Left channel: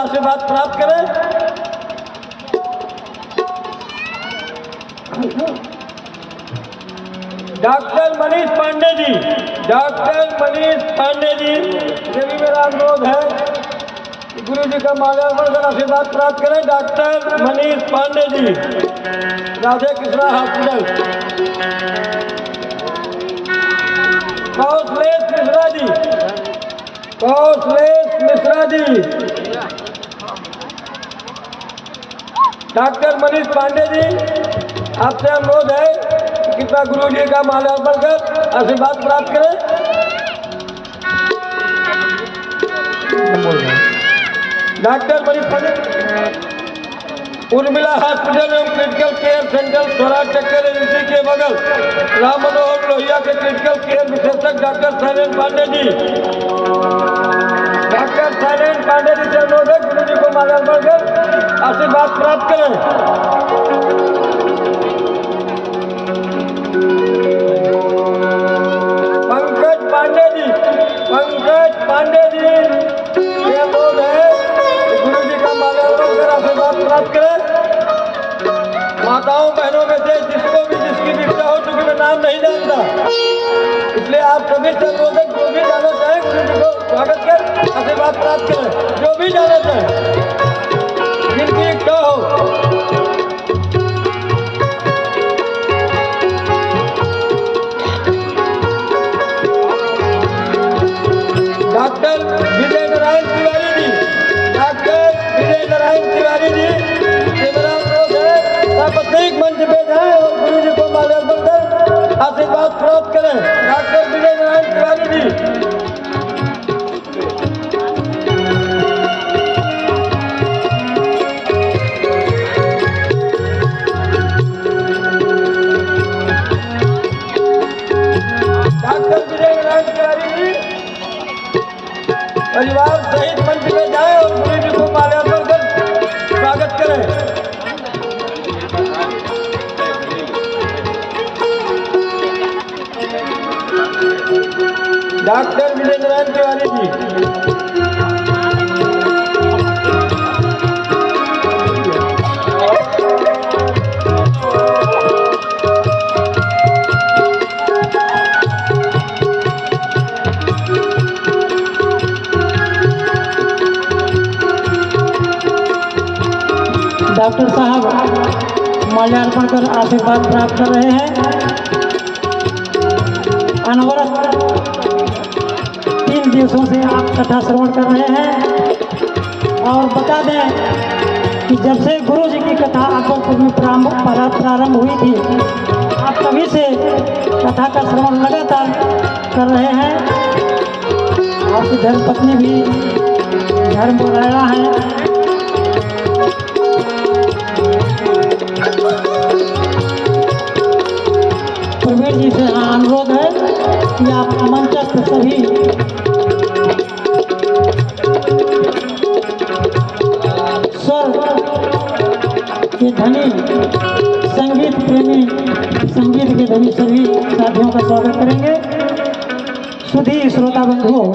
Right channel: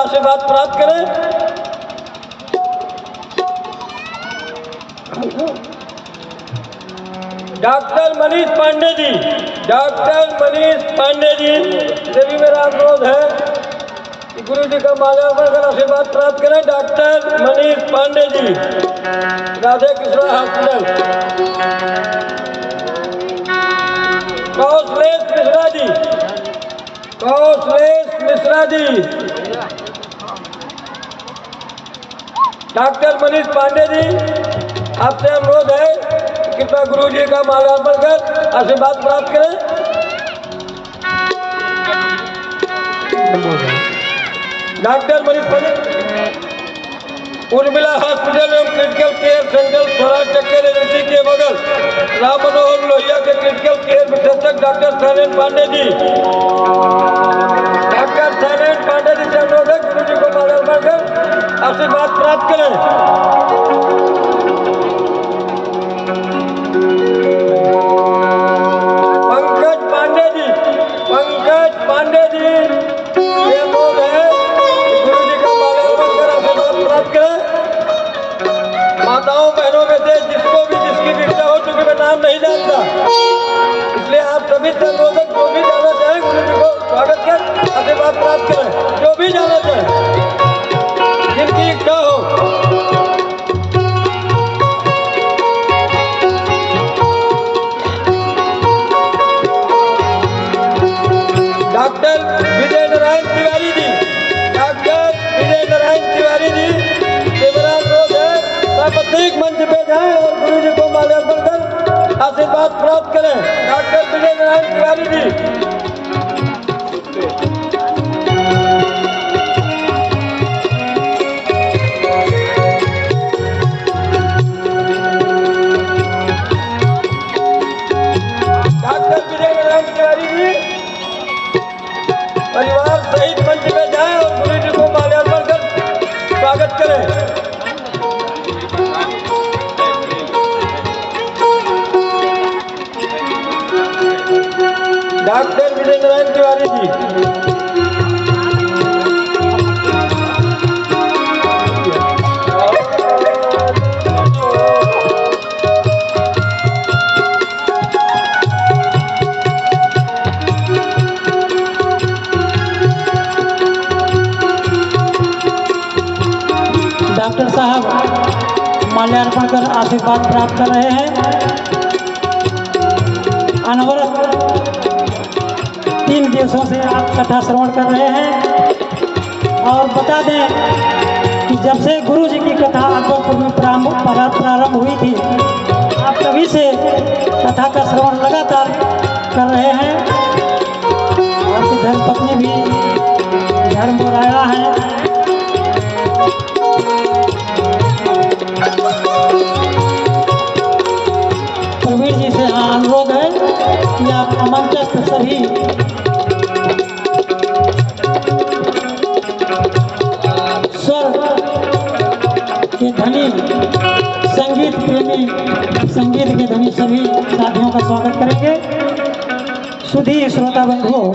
आशीर्वाद प्राप्त करें। डॉक्टर मनीष पांडे जी, डॉक्टर मनीष पांडे जी से भी मेरा अनुरोध है कि गुरु जी का माल्यार्पण कर आशीर्वाद प्राप्त करें। Doctor Manish Pandey ji, Radhe Krishna hospital. Kaushlesh Mishra ji, Kaushlesh Mishra ji, doctor Manish Pandey ji, आपसे अनुरोध है कि कृपया गुरु जी का माल्यार्पण कर आशीर्वाद प्राप्त करें। डॉक्टर मनीष पांडे, उर्मिला हॉस्पिटल एवं क्रिटिकल केयर सेंटर स्वराज चक्कर एजेंसी के बगल राम मनोहर लोहिया के क्रिटिकल केयर विशेषज्ञ डॉक्टर शैलेंद्र पांडे जी, डॉक्टर शैलेंद्र पांडे जी से अनुरोध है गुरु जी को माल्यार्पण कर आशीर्वाद प्राप्त करें। पंकज पांडे जी, पंकज पांडे जी से अनुरोध है गुरु जी का माल्यार्पण कर आशीर्वाद प्राप्त करें। माताओं बहनों में से जिसको भी जिसकी भी इच्छा हो, चूंकि मैं नाम नहीं जानता, इसलिए आप सभी से अनुरोध है जो भी जाना चाहें गुरु जी को स्वागत कर आशीर्वाद प्राप्त करें। जो भी जाना चाहें, जिनकी इच्छा हो। डॉक्टर विजय नारायण तिवारी जी, डॉक्टर विजय नारायण तिवारी जी से मेरा अनुरोध है प्रत्येक मंच पे जाएं और गुरु जी को माल्यार्पण कर आशीर्वाद प्राप्त करें। डॉक्टर विजय नारायण तिवारी जी, डॉक्टर विजय नारायण तिवारी जी परिवार सहित मंच में जाएं और गुरु जी को माल्यार्पण कर स्वागत करें। डॉक्टर विजय नारायण तिवारी जी, डॉक्टर साहब माल्यार्पण कर आशीर्वाद प्राप्त कर रहे हैं। अनवरत 3 दिवसों से आप कथा श्रवण कर रहे हैं और बता दें कि जब से गुरु जी की कथा आपको में प्रारंभ हुई थी, आप तभी से कथा का श्रवण लगातार कर रहे हैं। आपकी धर्मपत्नी भी धर्म बनाया है। प्रवीण जी से अनुरोध है कि आप मंचस्थ सभी स्वर के धनी, संगीत प्रेमी, संगीत के धनी सभी साथियों का स्वागत करेंगे। सुधी श्रोता बंधुओं,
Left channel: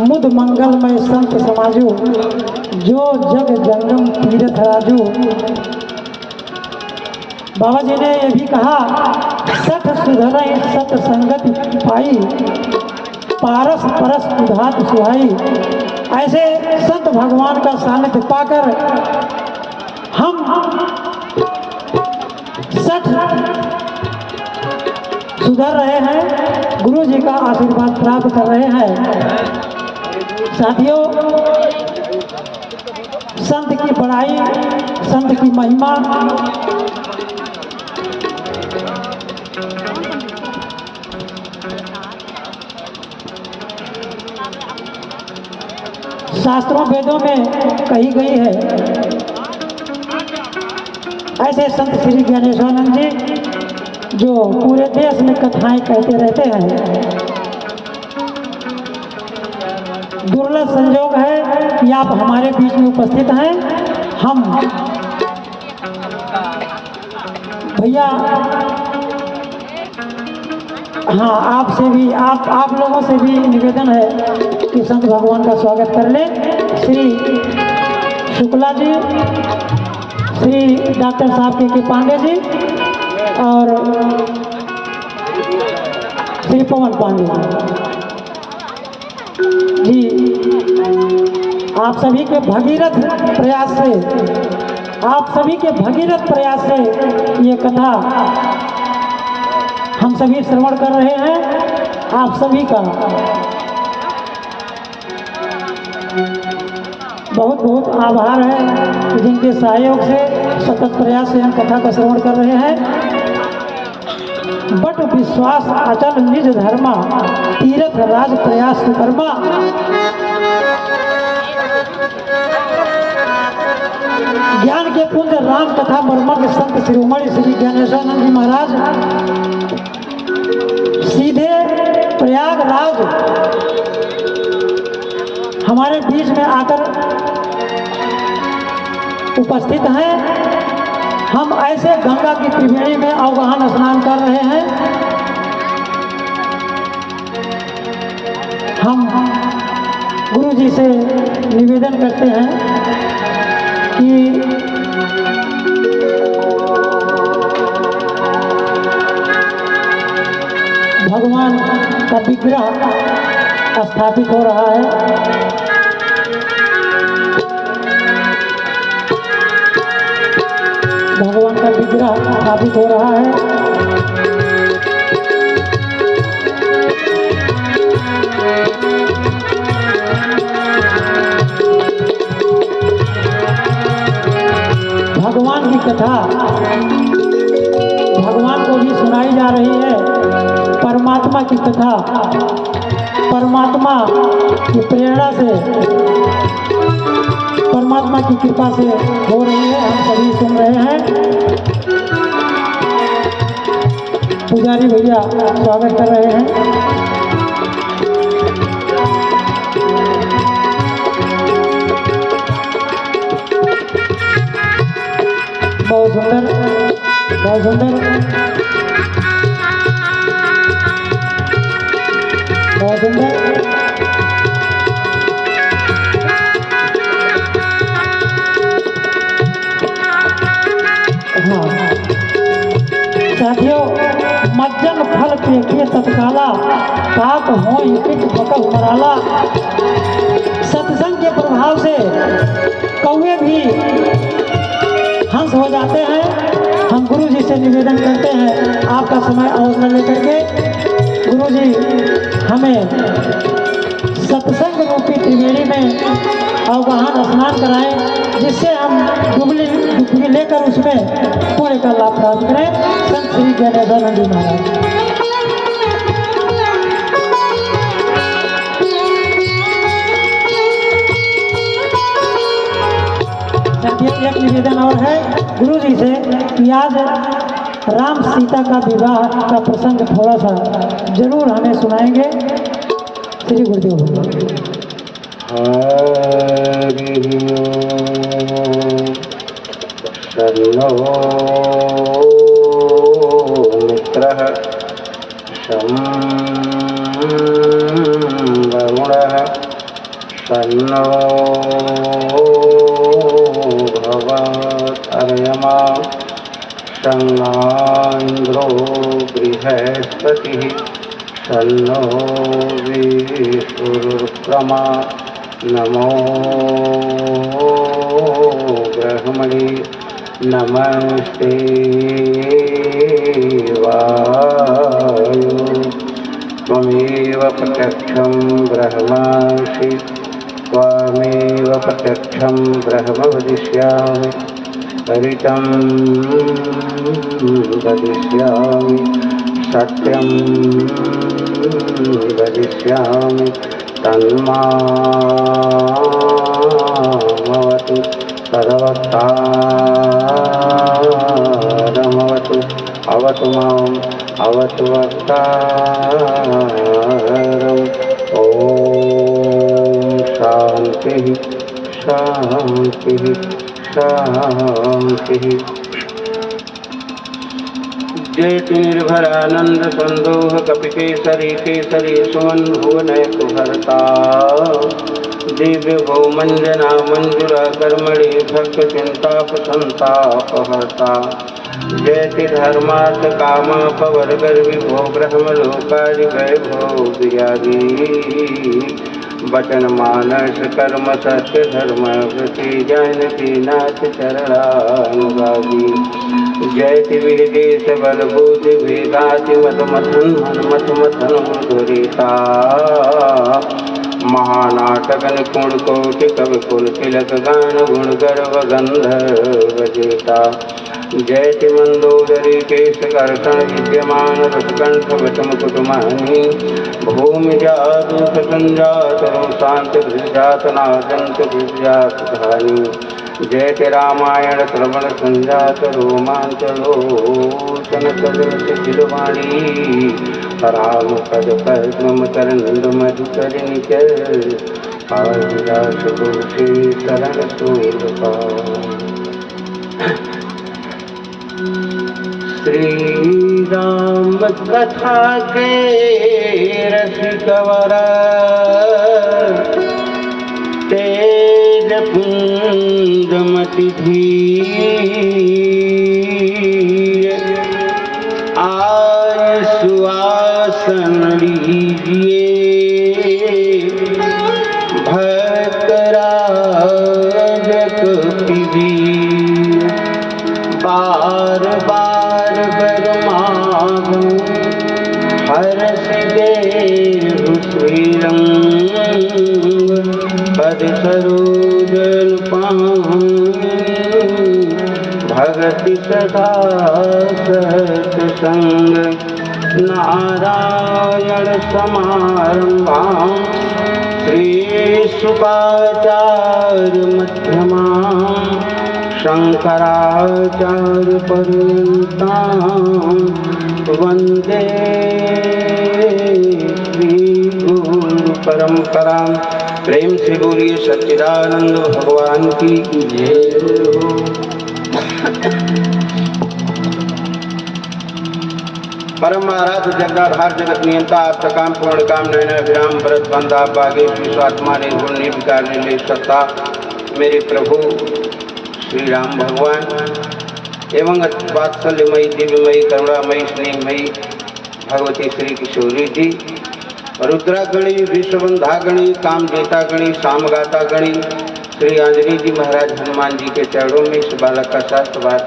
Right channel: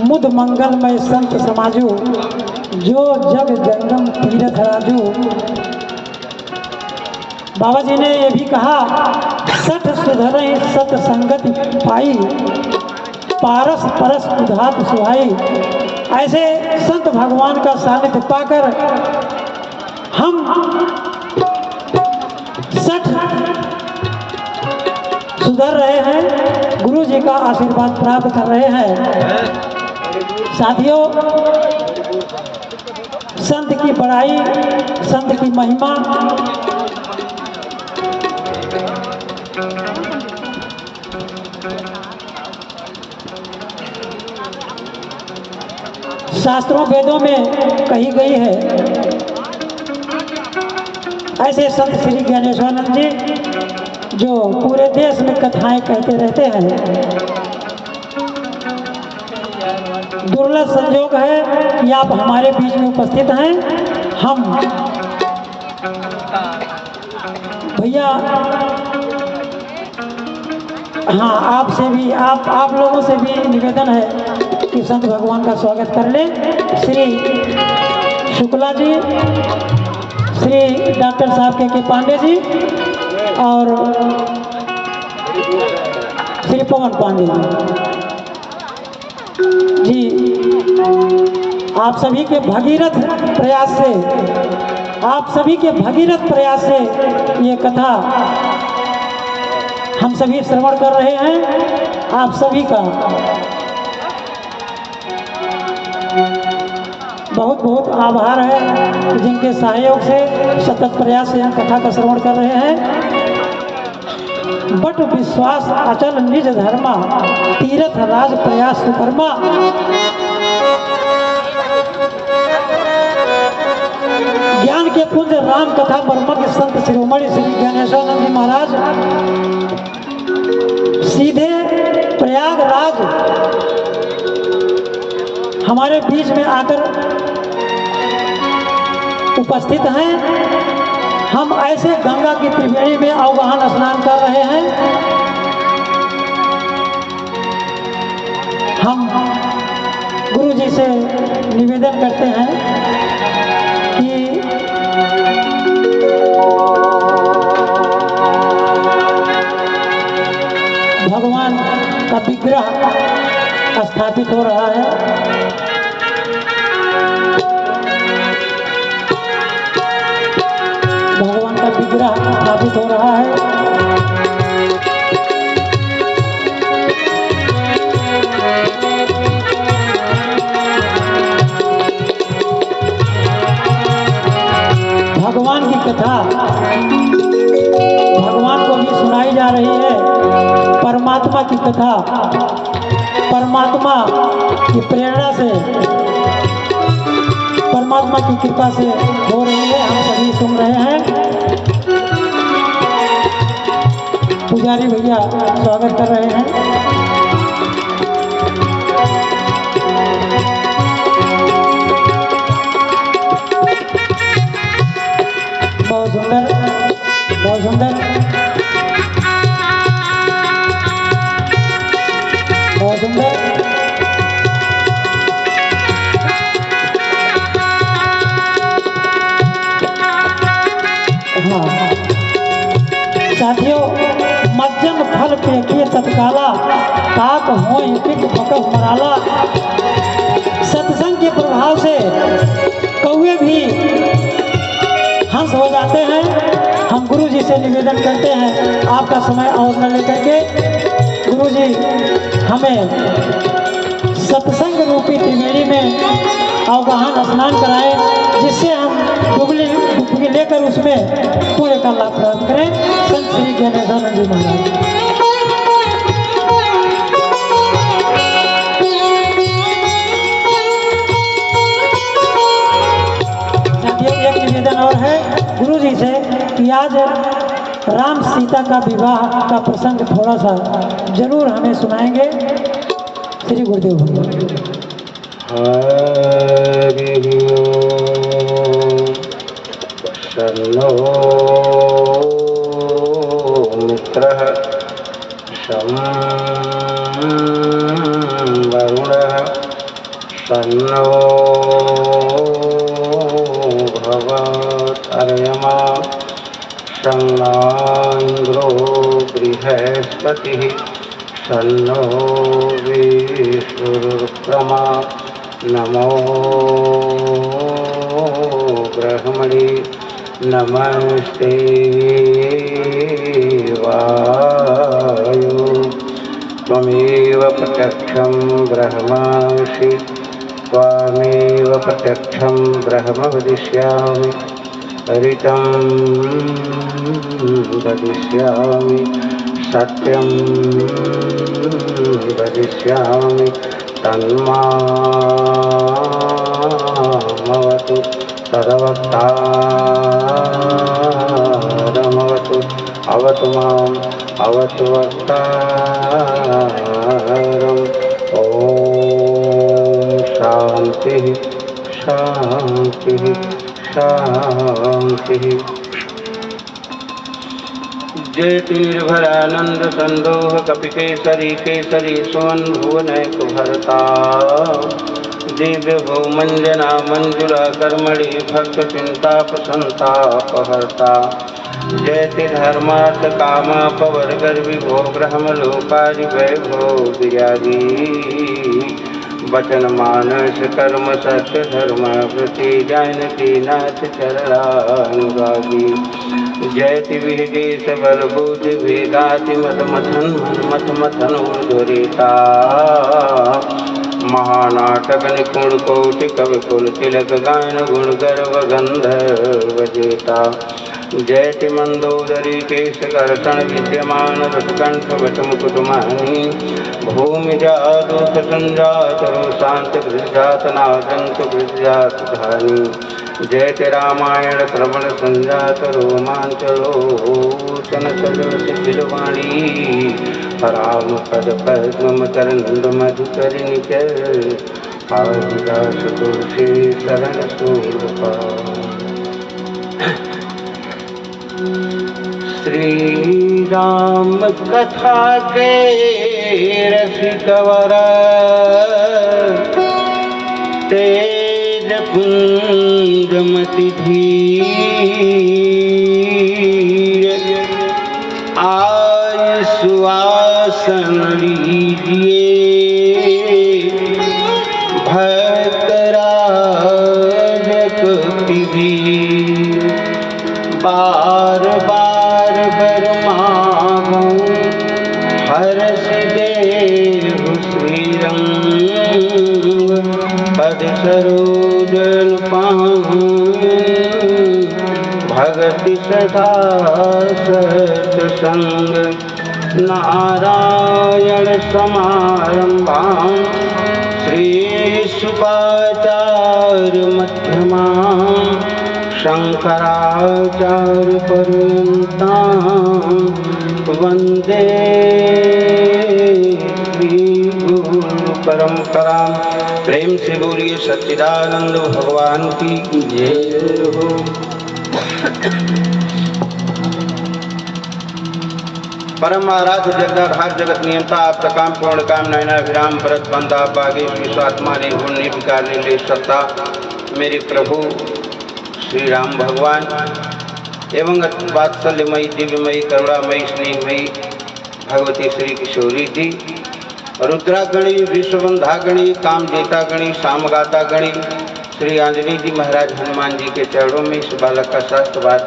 मुद मंगलमय संत समाजो, जो जग जंगम तीरथ राजू। बाबा जी ने ये भी कहा, सठ सुधरई सत संगति पाई, पारस परस उधात सुहाई। ऐसे संत भगवान का सानिध्य पाकर हम सठ सुधर रहे हैं, गुरु जी का आशीर्वाद प्राप्त कर रहे हैं। साथियों, संत की बड़ाई, संत की महिमा शास्त्रों वेदों में कही गई है। ऐसे संत श्री ज्ञानेश्वरानंद जी जो पूरे देश में कथाएं कहते रहते हैं, दुर्लभ संयोग है कि आप हमारे बीच में उपस्थित हैं। हम भैया, हाँ, आपसे भी आप लोगों से भी निवेदन है कि शिव संत भगवान का स्वागत कर ले। श्री शुक्ला जी, श्री डॉक्टर साहब के पांडे जी और श्री पवन पांडे जी, आप सभी के भगीरथ प्रयास से, आप सभी के भगीरथ प्रयास से ये कथा हम सभी श्रवण कर रहे हैं। आप सभी का बहुत बहुत आभार है, जिनके सहयोग से सतत प्रयास से हम कथा का श्रवण कर रहे हैं। बट विश्वास अचल निज धर्मा, तीर्थ राज प्रयास सुकर्मा। ज्ञान के पुंज राम कथा मर्मज्ञ के संत शिरोमणि श्री ज्ञानेश्वरानंद जी महाराज सीधे प्रयागराज हमारे बीच में आकर उपस्थित हैं। हम ऐसे गंगा की त्रिवेणी में अवगाहन स्नान कर रहे हैं। हम गुरु जी से निवेदन करते हैं कि भगवान का विग्रह स्थापित हो रहा है। भगवान का विग्रह स्थापित हो रहा है। भगवान की कथा भगवान को भी सुनाई जा रही है। परमात्मा की कथा परमात्मा की प्रेरणा से, परमात्मा की कृपा से हो रही है। हम सभी सुन रहे हैं। पुजारी भैया स्वागत कर रहे हैं। बहुत सुंदर, बहुत सुंदर, बहुत सुंदर। साथियों, मज्जन फल के तत्काला, ताक हो मराला। सत्संग के प्रभाव से कौवे भी हंस हो जाते हैं। हम गुरु जी से निवेदन करते हैं, आपका समय अवसर लेकर के गुरु जी हमें सत्संग रूपी त्रिवेणी में अवगाहन स्नान कराएं, जिससे हम डुबकी लेकर उसमें पूरे का लाभ प्राप्त करें। संत श्री ज्ञानेश्वरानंद जी महाराज। एक निवेदन और है गुरु जी से कि आज राम सीता का विवाह का प्रसंग थोड़ा सा जरूर हमें सुनाएंगे। श्री गुरुदेव भगवान। शन्नो मित्रः शं वरुणः शन्नो भवत्वर्यमा शन्नो इन्द्रो बृहस्पतिः शन्नो विष्णुरुक्रमा नमो ब्रह्मणे नमस्ते वायु त्वमेव प्रत्यक्षं ब्रह्मासि त्वमेव प्रत्यक्षं ब्रह्म वदिष्यामि हरितं वदिष्यामि सत्यं वदिष्यामि तन्मामवतु तदवतारमवतु अवतु माम् अवतु वक्तारम्। ॐ शान्तिः शान्तिः शान्तिः। जेति निर्भरानंद संदोह कपि केसरी केसरी सुमन भुवनैक भरता दिव्य भौमंजना मंजुला कर्मणि भक्त चिंताप संतापहर्ता जयति धर्मार्थ कामा पवर गर्वी भो ब्रह्म लोकादि वैभव विरागी वचन मानस कर्म सत्य धर्म वृत्ति जानकी नाथ चरणानुरागी जयति विदेश बल बुद्धि भेदाति मत मथन मत मथन धुरिता महानाटक निपुण कोटि कवि कुल तिलक गान गुण गर्व गंधर्व जेता जयति मंदोदरी केश कर्षण विद्यमान रसकंठ विषम कुटुमानी भूमि जादूत संजात शांत भृजात नाजंत भृजात धानी जयति रामायण श्रवण संजात रोमांच लोचन सदृश शिरवाणी राम पद पद्म करंद मधुकर निचर आदिदास तुलसी शरण सूरपा श्री राम कथा के रसिकवर तेज पुंजमति धीर आय सुआसन लीजिए भक्त राजक विधि बार बार बरमागो हरस देहु श्रीरंग पद सरोजन पावन भगति सदा सत्संग नारायण समारंभां श्री शुभाचार्य मध्यमां शंकराचार्य पर्यन्तां वंदे श्री गुरु परंपरां। प्रेम से बोलिए सच्चिदानंद भगवान की जय हो। परम आराध्य जगदाधार जगत नियंता आपका काम पूर्ण काम नयना विराम भरत बंधा बागे विश्वात्मा निर्गुण निर्विकार निर्लेश सत्ता मेरे प्रभु श्री राम भगवान एवं वात्सल्यमयी दिव्यमयी करुणामयी स्नेहमयी भगवती श्री किशोरी जी रुद्रागणी विश्वबंधागणी कामजेतागणी सामगातागणी श्री आंजनी जी महाराज हनुमान जी के चरणों में इस बालक का शास्त्रवाद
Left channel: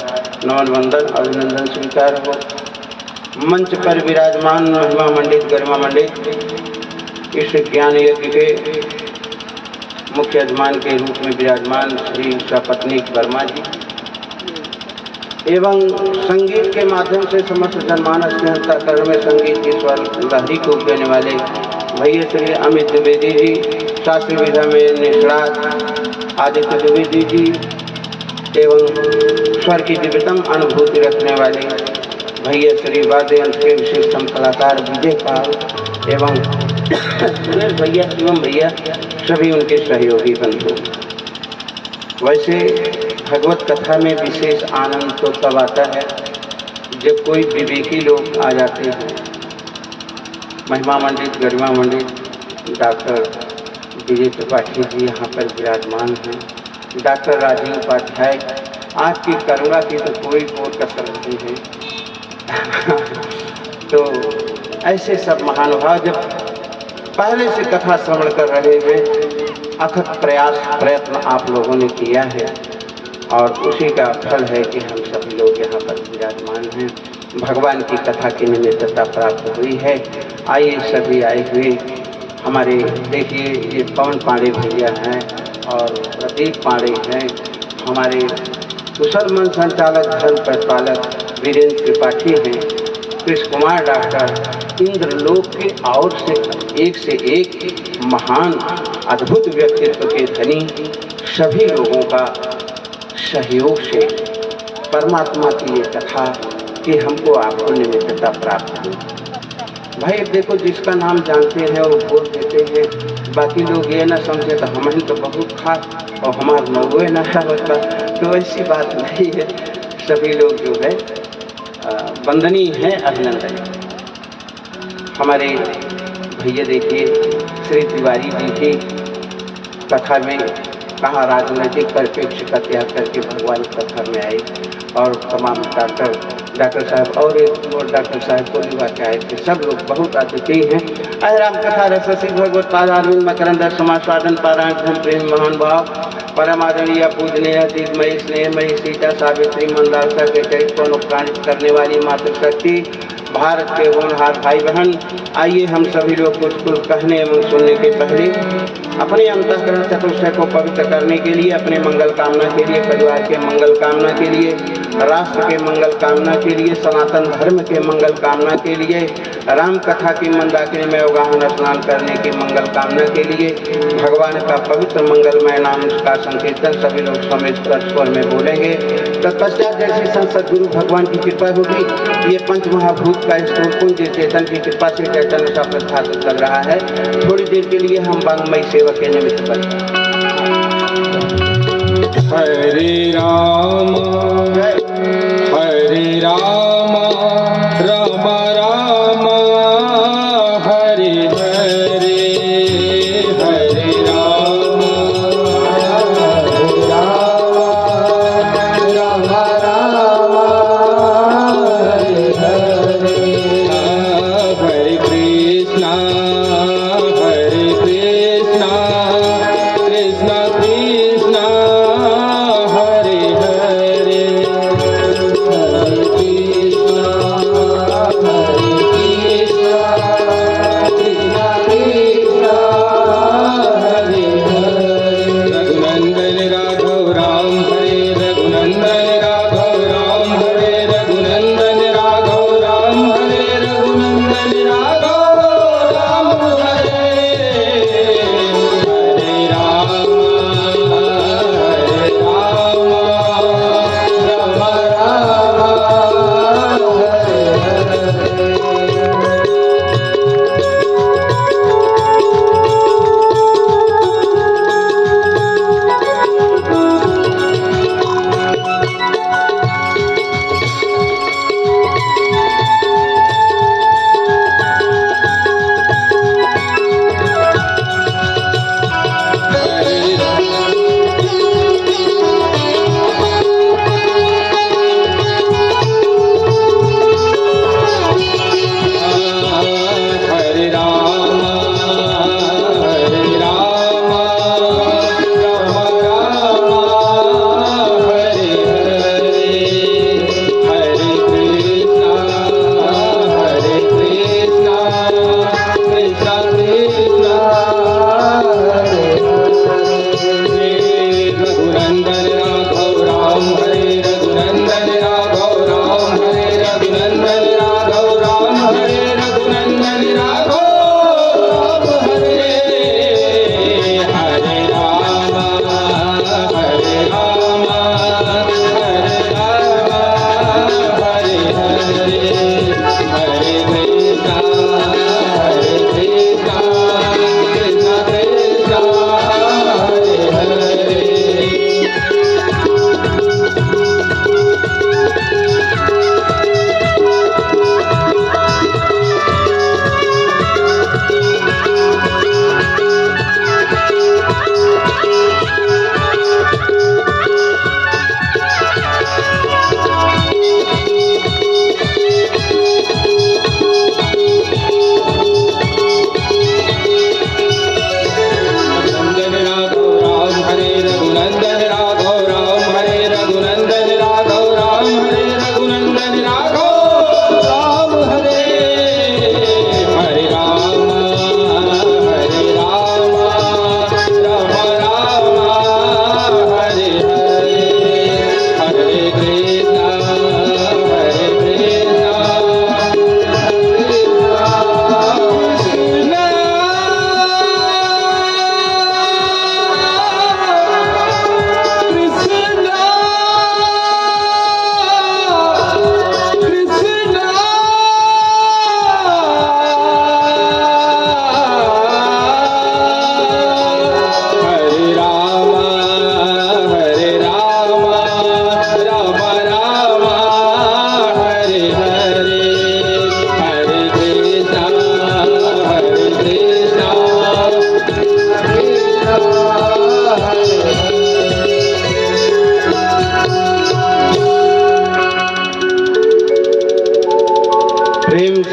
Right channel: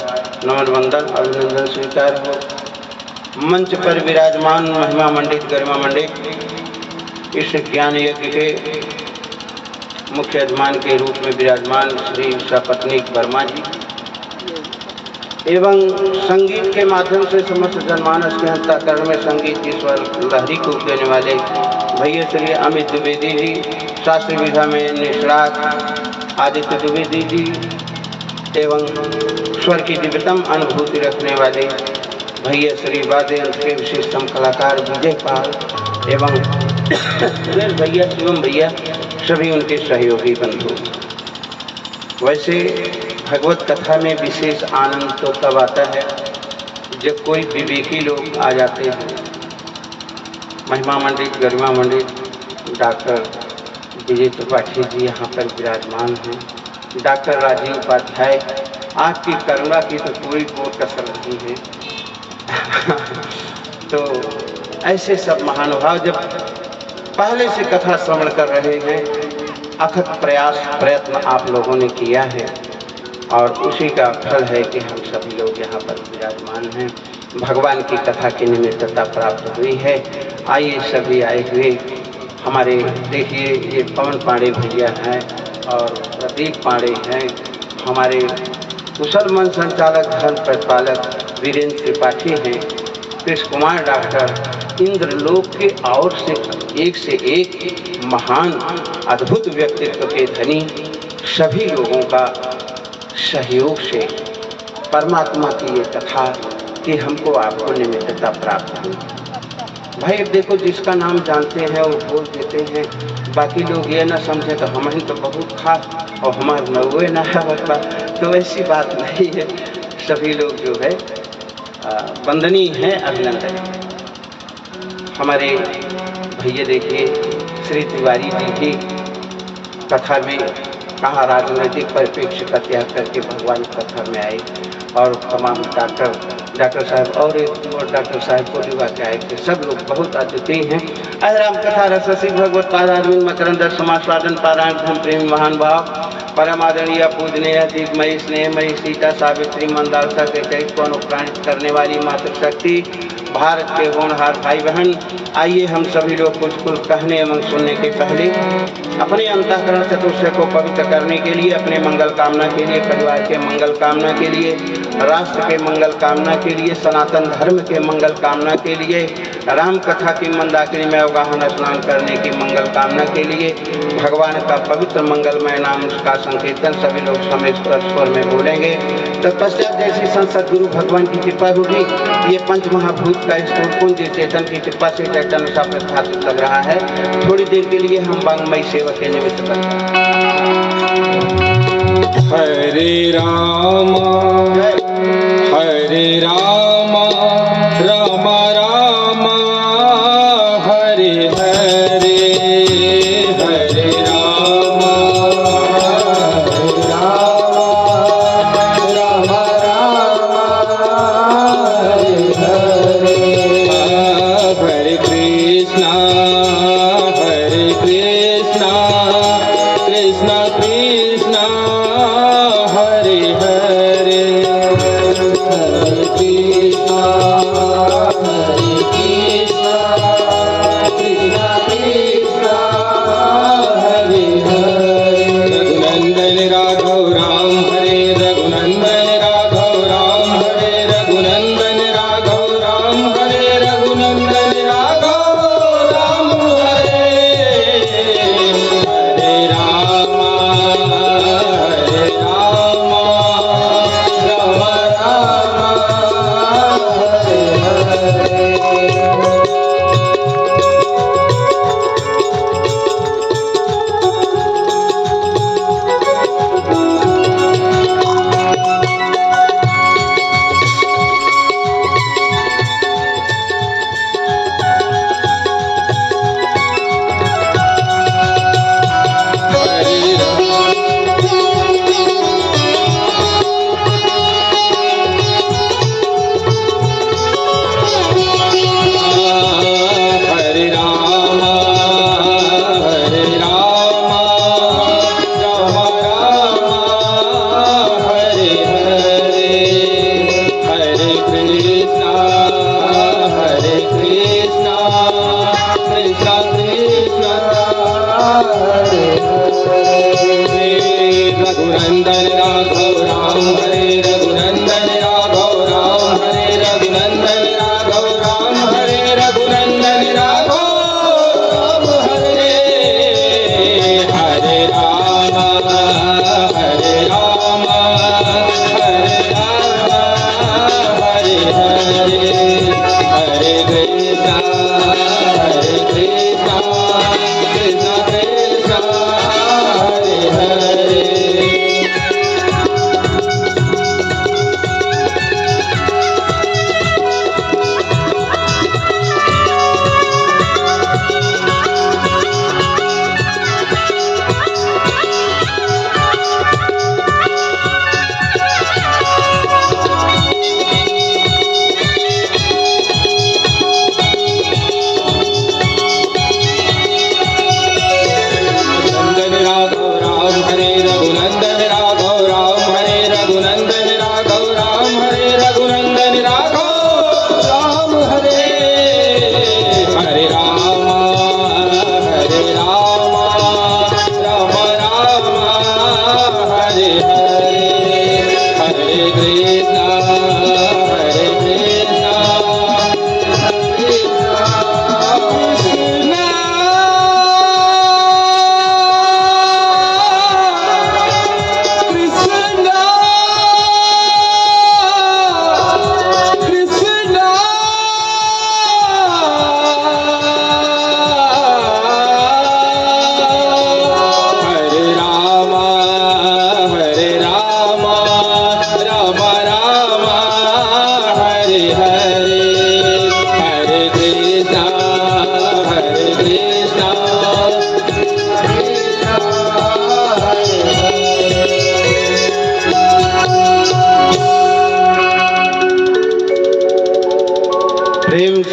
नमन वंदन अभिनंदन स्वीकार हो। मंच पर विराजमान महिमा मंडित गरिमा मंडित इस ज्ञान यज्ञ के मुख्य यजमान के रूप में विराजमान श्री सपत्नी वर्मा जी एवं संगीत के माध्यम से समस्त जनमानस के अंतःकरण में संगीत की स्वर लहरी को देने वाले भैया श्री अमित द्विवेदी जी, शास्त्रीय विधा में निष्णात आदित्य द्विवेदी जी एवं स्वर की दिव्यतम अनुभूति रखने वाले भैया श्री वाद्य यंत्र के विशिष्टतम कलाकार विजय पाल एवं सुरेश भैया शिवम भैया सभी उनके सहयोगी बंधु। वैसे भगवत कथा में विशेष आनंद तो तब आता है जब कोई विवेकी लोग आ जाते हैं। महिमा मंडित गरिमा मंडित डॉक्टर विजय त्रिपाठी जी यहाँ पर विराजमान हैं, डॉक्टर राजीव उपाध्याय, आपकी करुणा की तो कोई कसर नहीं है। तो ऐसे सब महानुभाव जब पहले से कथा श्रवण कर रहे हैं, अथक प्रयास प्रयत्न आप लोगों ने किया है और उसी का फल है कि हम सभी लोग यहाँ पर विराजमान हैं। भगवान की कथा की निमित्तता प्राप्त हुई है। आइए सभी आए हुए हमारे देखिए ये पवन पांडे भैया हैं और प्रदीप पांडे हैं, हमारे कुशल मन संचालक धर्म प्रतिपालक वीरेंद्र त्रिपाठी हैं, कृष्ण कुमार डॉक्टर, इंद्रलोक के और से एक महान अद्भुत व्यक्तित्व के धनी सभी लोगों का सहयोग से परमात्मा की ये कथा कि हमको आपको निमित्तता प्राप्त हुई। भाई देखो जिसका नाम जानते हैं वो बोल देते हैं, बाकी लोग ये ना समझे तो हमें तो बहुत खास और हमारे नौवे ना है, तो ऐसी बात नहीं है। सभी लोग जो है वंदनीय है, अभिनंदन। हमारे भैया देखिए श्री तिवारी जी की कथा में कहाँ राजनीतिक परिप्रेक्ष्य का त्याग करके भगवान कथा में आए और तमाम डॉक्टर साहब और एक और डॉक्टर साहब को युवा के आए थे। सब लोग बहुत अद्वितीय हैं। अहराम कथा रससी भगवत पादारविंद मकरंद समास्वादन पारायण धूम प्रेम महान भाव परम आदरणीय पूजनीय दीपमयी स्नेहमयी सीता सावित्री मंदालसा के चरित्र को अनुप्राणित करने वाली मातृशक्ति भारत के होनहार भाई बहन, आइए हम सभी लोग कुछ कहने एवं सुनने के पहले अपने अंतःकरण चतुष्टय को पवित्र करने के लिए, अपने मंगल कामना के लिए, परिवार के मंगल कामना के लिए, राष्ट्र के मंगल कामना के लिए, सनातन धर्म के मंगल कामना के लिए, राम कथा की मंदाकिनी में अवगाहन स्नान करने की मंगल कामना के लिए भगवान का पवित्र मंगलमय नाम का संकीर्तन सभी लोग समेत स्वर में बोलेंगे। तत्पश्चात जैसी संसद गुरु भगवान की कृपा होगी, ये पंच महाभूत का स्रोत पुंज चेतन की कृपा से चैतन्य सा प्रस्थापित लग रहा है। थोड़ी देर के लिए हम वांग्मयी सेवा के निमित्त बन। हरे राम राम राम हरे हरे, हरे राम राम राम हरे हरे, हरे कृष्णा कृष्णा कृष्णा हरे हरे।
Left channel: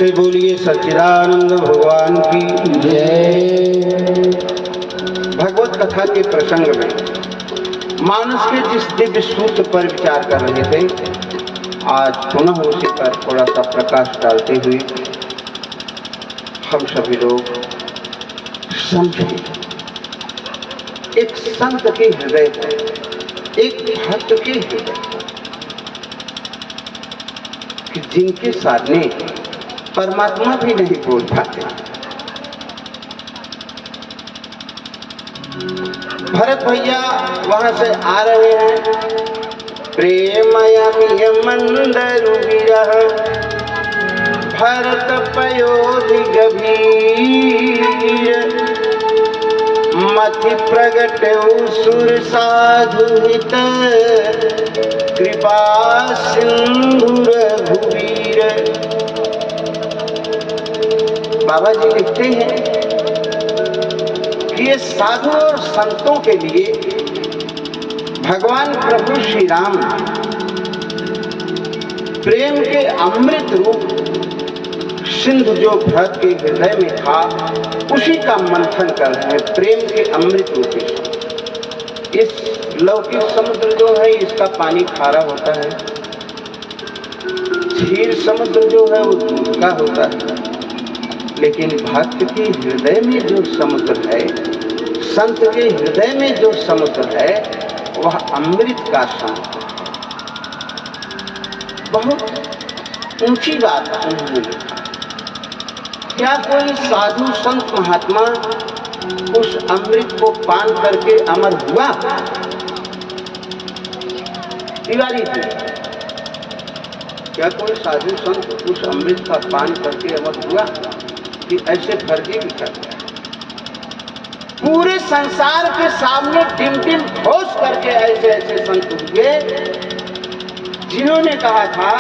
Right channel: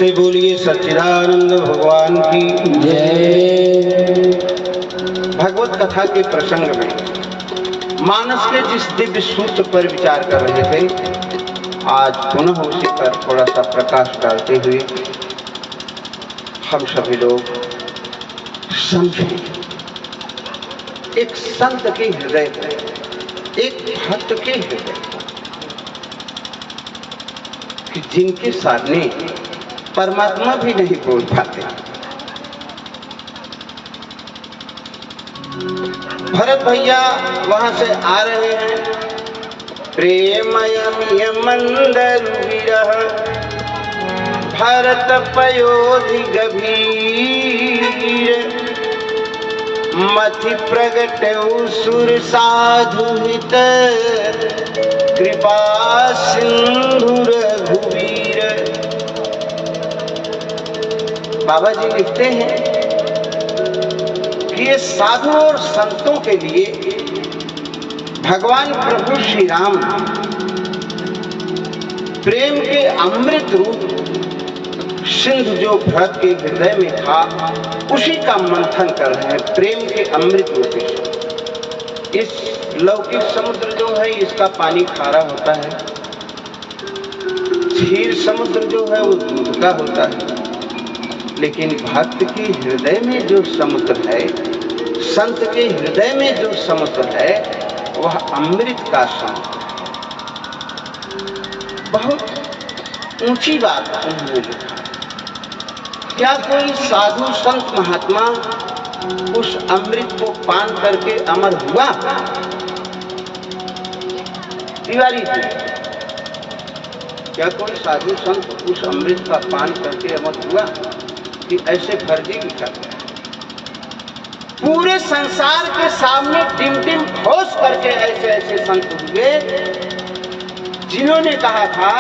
से बोलिए सच्चिदानंद भगवान की जय। भगवत कथा के प्रसंग में मानस के जिस दिव्य सूत्र पर विचार कर रहे थे, आज पुनः उसी पर थोड़ा सा प्रकाश डालते हुए हम सभी लोग समझें एक संत के हृदय को, एक भक्त के हृदय को, कि जिनके सामने परमात्मा भी नहीं बोल पाते। भरत भैया वहां से आ रहे हैं, प्रेमयमिय मंदरु विरह भरत पयोधि गभीर मथि प्रगट सुर साधु हित कृपा सिंधु रघुवीर। बाबा जी लिखते हैं कि ये साधु और संतों के लिए भगवान प्रभु श्री राम प्रेम के अमृत रूप सिंधु जो भरत के हृदय में था, उसी का मंथन कर रहे हैं। प्रेम के अमृत रूपी इस लौकिक समुद्र जो है, इसका पानी खारा होता है, क्षीर समुद्र जो है वो दूध का होता है, लेकिन भक्त के हृदय में जो समुद्र है, संत के हृदय में जो समुद्र है, वह अमृत का समुद्र है। बहुत ऊंची बात उन्होंने लिखा। क्या कोई साधु संत महात्मा उस अमृत को पान करके अमर हुआ? तिवारी जी, क्या कोई साधु संत उस अमृत का पान करके अमर हुआ कि ऐसे फर्जी भी कर गया? पूरे संसार के सामने टिम टिम ठोस करके ऐसे ऐसे संत हुए जिन्होंने कहा था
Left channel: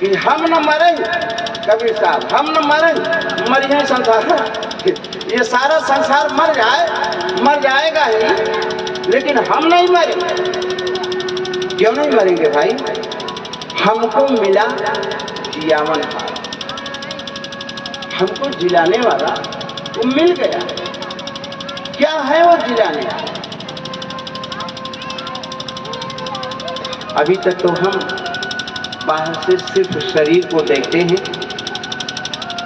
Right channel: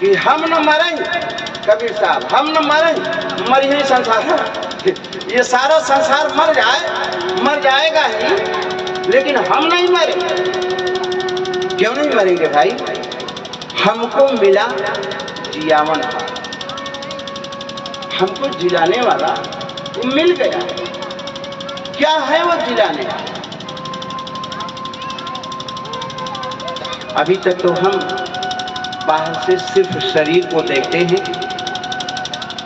कि हम न मरेंगे, कबीर साहब, हम न मरेंगे, मर ही संसार, ये सारा संसार मर जाएगा ही, लेकिन हम नहीं मरेंगे। क्यों नहीं मरेंगे भाई? हमको मिला जियावन, हमको जिलाने वाला वो मिल गया। क्या है वो जिलाने वाला? अभी तक तो हम बाहर से सिर्फ शरीर को देखते हैं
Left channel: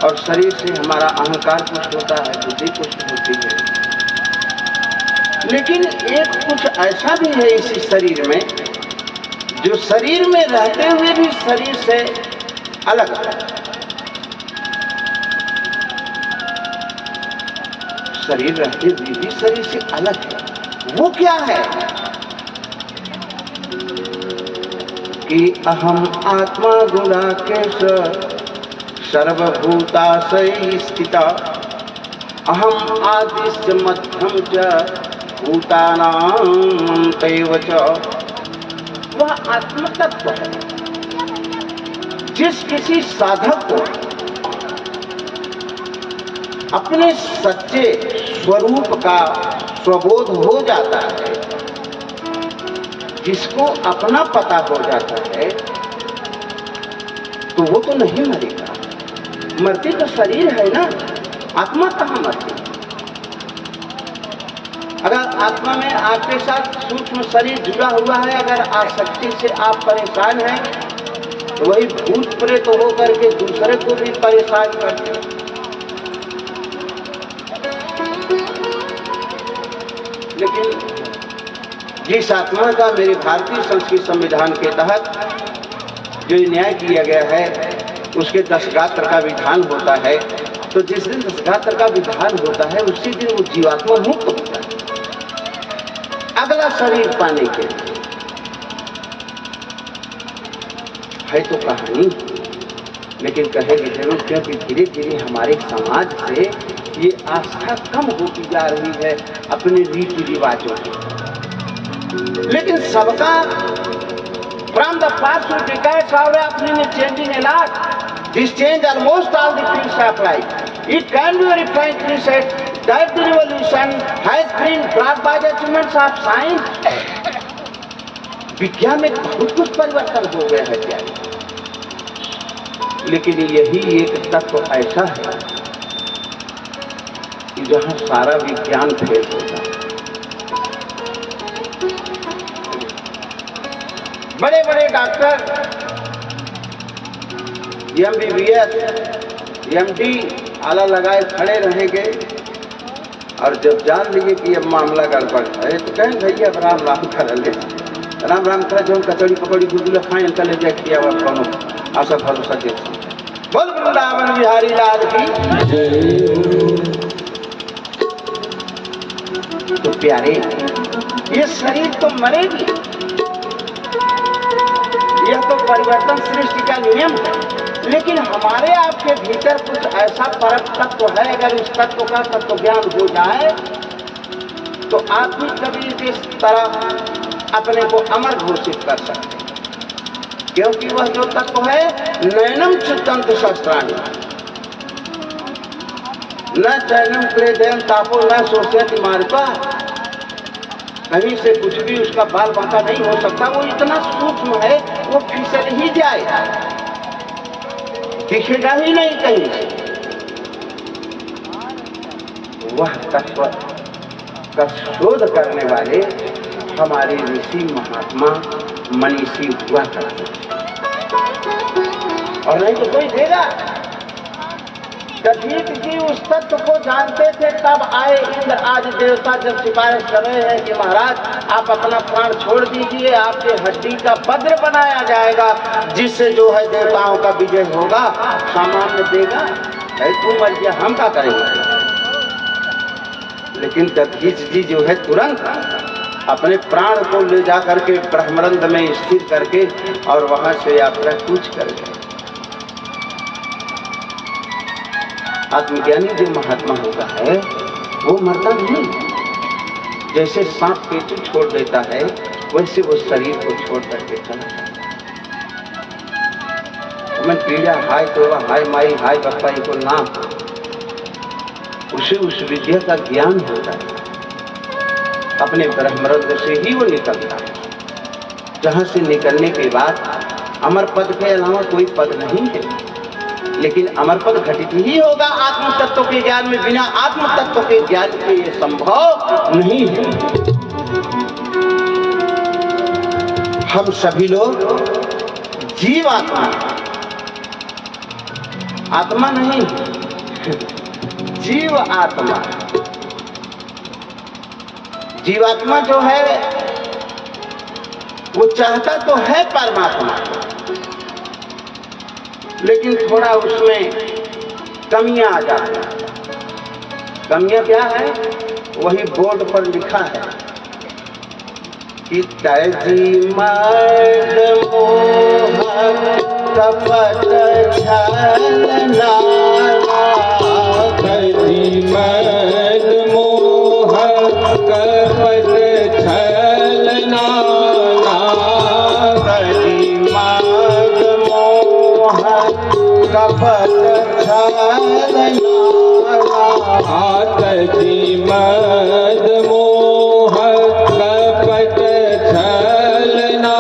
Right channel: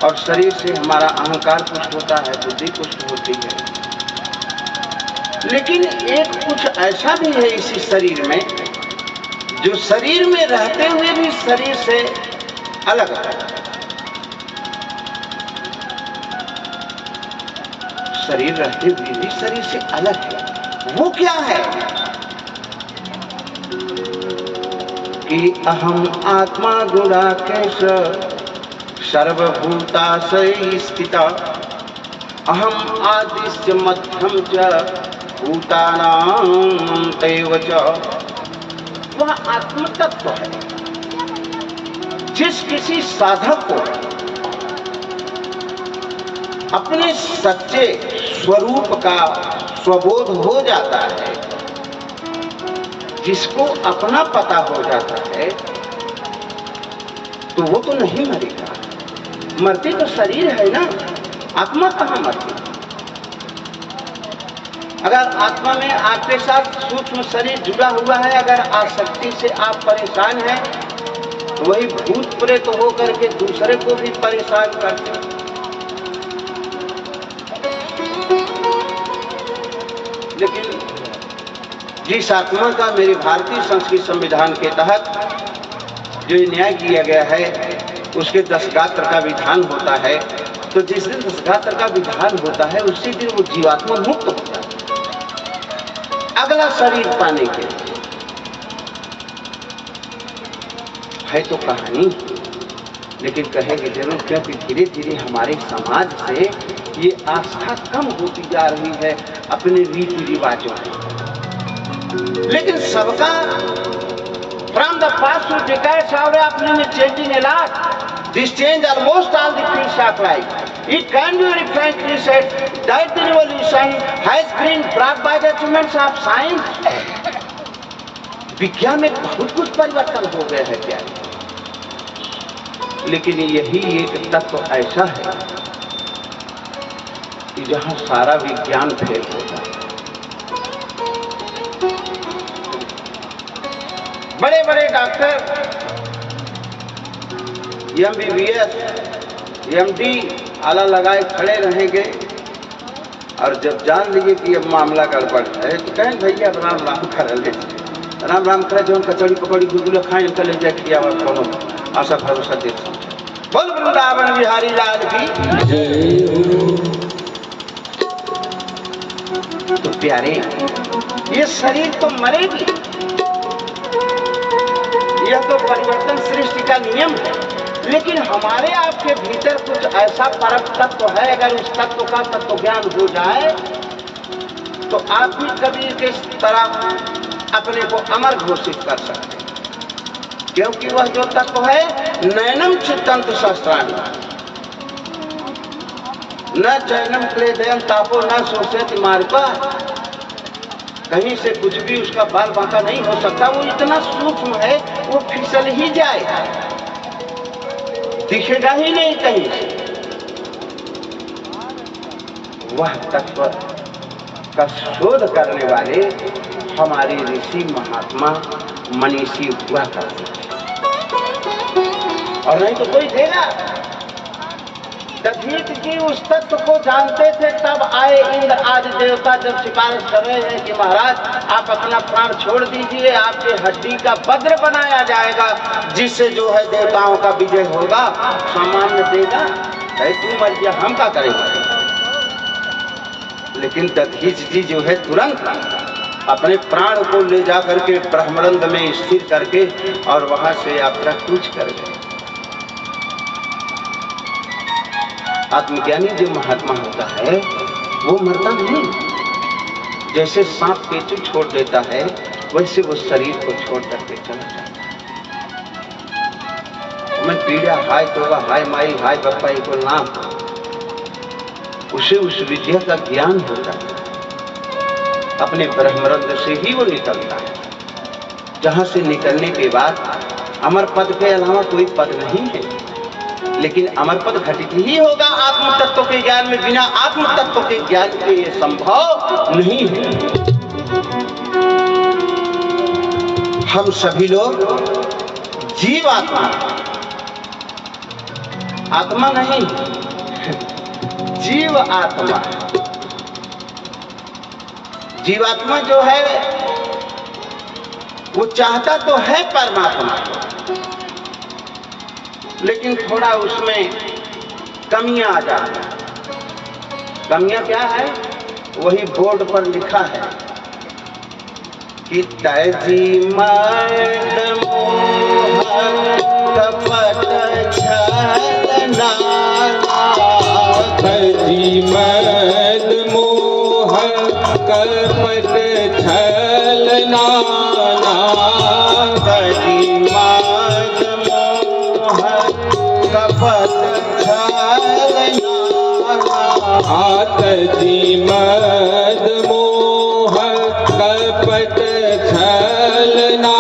और शरीर से हमारा अहंकार पुष्ट होता है, बुद्धि पुष्ट होती है, लेकिन एक कुछ ऐसा भी है इसी शरीर में जो शरीर में रहते हुए भी शरीर से अलग है। शरीर रहते हुए भी शरीर से अलग है। वो क्या है? कि अहम आत्मा गुणाकेश सर्वभूताशय स्थिता अहम आदिश्च मध्यम च भूतानां तैव च। वह आत्म तत्व है। जिस किसी साधक को अपने सच्चे स्वरूप का स्वबोध हो जाता है, जिसको अपना पता हो जाता है, तो वो तो नहीं मरेगा। मरती तो शरीर है ना, आत्मा कहाँ मरती? अगर आत्मा में आपके साथ सूक्ष्म शरीर जुड़ा हुआ है, अगर आसक्ति से आप परेशान हैं, तो वही भूत प्रेत हो करके दूसरे को भी परेशान करते हैं। लेकिन जिस आत्मा का मेरे भारतीय संस्कृत संविधान के तहत जो न्याय किया गया है, उसके 10 गात्र का विधान होता है, तो जिस दिन 10 गात्र का विधान होता है, उसी दिन वो जीवात्मा मुक्त हो जाता है अगला शरीर पाने के लिए। है तो कहानी, लेकिन कहेंगे जरूर, क्योंकि धीरे धीरे हमारे समाज से ये आस्था कम होती जा रही है अपने रीति रिवाजों में। लेकिन सबका from the past few decades how they are changing a lot. This change almost all the fields of life. It can be very frankly said that the revolution has been brought by the achievements of science. विज्ञान में बहुत कुछ परिवर्तन हो गया है क्या? लेकिन यही एक तत्व ऐसा है कि जहां सारा विज्ञान फेल होता है। बड़े बड़े डॉक्टर MBBS MD आला लगाए खड़े रहेंगे और जब जान लिए कि अब मामला गड़बड़ है तो कहें भैया राम राम कर ले, राम राम करे जो हम कचौड़ी पकौड़ी गुलगुला खाए चले जाए खिया हुआ कौनो आशा भरोसा दे बोल वृंदावन बिहारी लाल की जय हो। तो प्यारे, ये शरीर तो मरेगी, यह तो परिवर्तन सृष्टि का नियम है, लेकिन हमारे आपके भीतर कुछ ऐसा परम तत्व है, अगर उस तत्व का तत्व ज्ञान हो जाए तो आप भी कबीर के तरह अपने को अमर घोषित कर सकते हैं, क्योंकि वह जो तत्व है नैनम चित्तंत शस्त्राणि न चैनम क्लेदयम तापो न शोषयति मार्पा। कहीं से कुछ भी उसका बाल बांका नहीं हो सकता, वो इतना सूक्ष्म है वो फिसल ही जाएगा, दिखेगा ही नहीं कहीं से। वह तत्व का शोध करने वाले हमारे ऋषि महात्मा मनीषी हुआ करते थे, और नहीं तो कोई देगा। दधीच जी उस तत्व को जानते थे, तब आए इंद्र आदि देवता जब सिफारिश कर रहे हैं कि महाराज आप अपना प्राण छोड़ दीजिए, आपके हड्डी का वज्र बनाया जाएगा, जिससे जो है देवताओं का विजय होगा, सामान्य देगा। भाई तू मर गया, हम क्या करेंगे? लेकिन दधीच जी जो है तुरंत अपने प्राण को ले जा करके ब्रह्मरंध्र में स्थिर करके और वहां से यात्रा कूच कर गए। आत्मज्ञानी जो महात्मा होता है वो मरता नहीं, जैसे सांप केंचु छोड़ देता है वैसे वो शरीर को छोड़ करके चला जाता है। मैं पीड़ा हाय तोबा हाय माई हाय बप्पा को नाम, उसे उस विद्या का ज्ञान होता है, अपने ब्रह्मरंध्र से ही वो निकलता है, जहां से निकलने के बाद अमर पद के अलावा कोई पद नहीं है। लेकिन अमर पद घटित ही होगा आत्म तत्व के ज्ञान में, बिना आत्म तत्व के ज्ञान के ये संभव नहीं है। हम सभी लोग जीव आत्मा, आत्मा नहीं जीव आत्मा। जीवात्मा जो है वो चाहता तो है परमात्मा, लेकिन थोड़ा उसमें कमियां आ जाती हैं। कमियां क्या है? वही बोर्ड पर लिखा है कि तजी मद मोह कपट छलना, तजी मद मोह कपट छलना, तजी मद मोह कपट छलना, तजी मद मोह कपट छलना,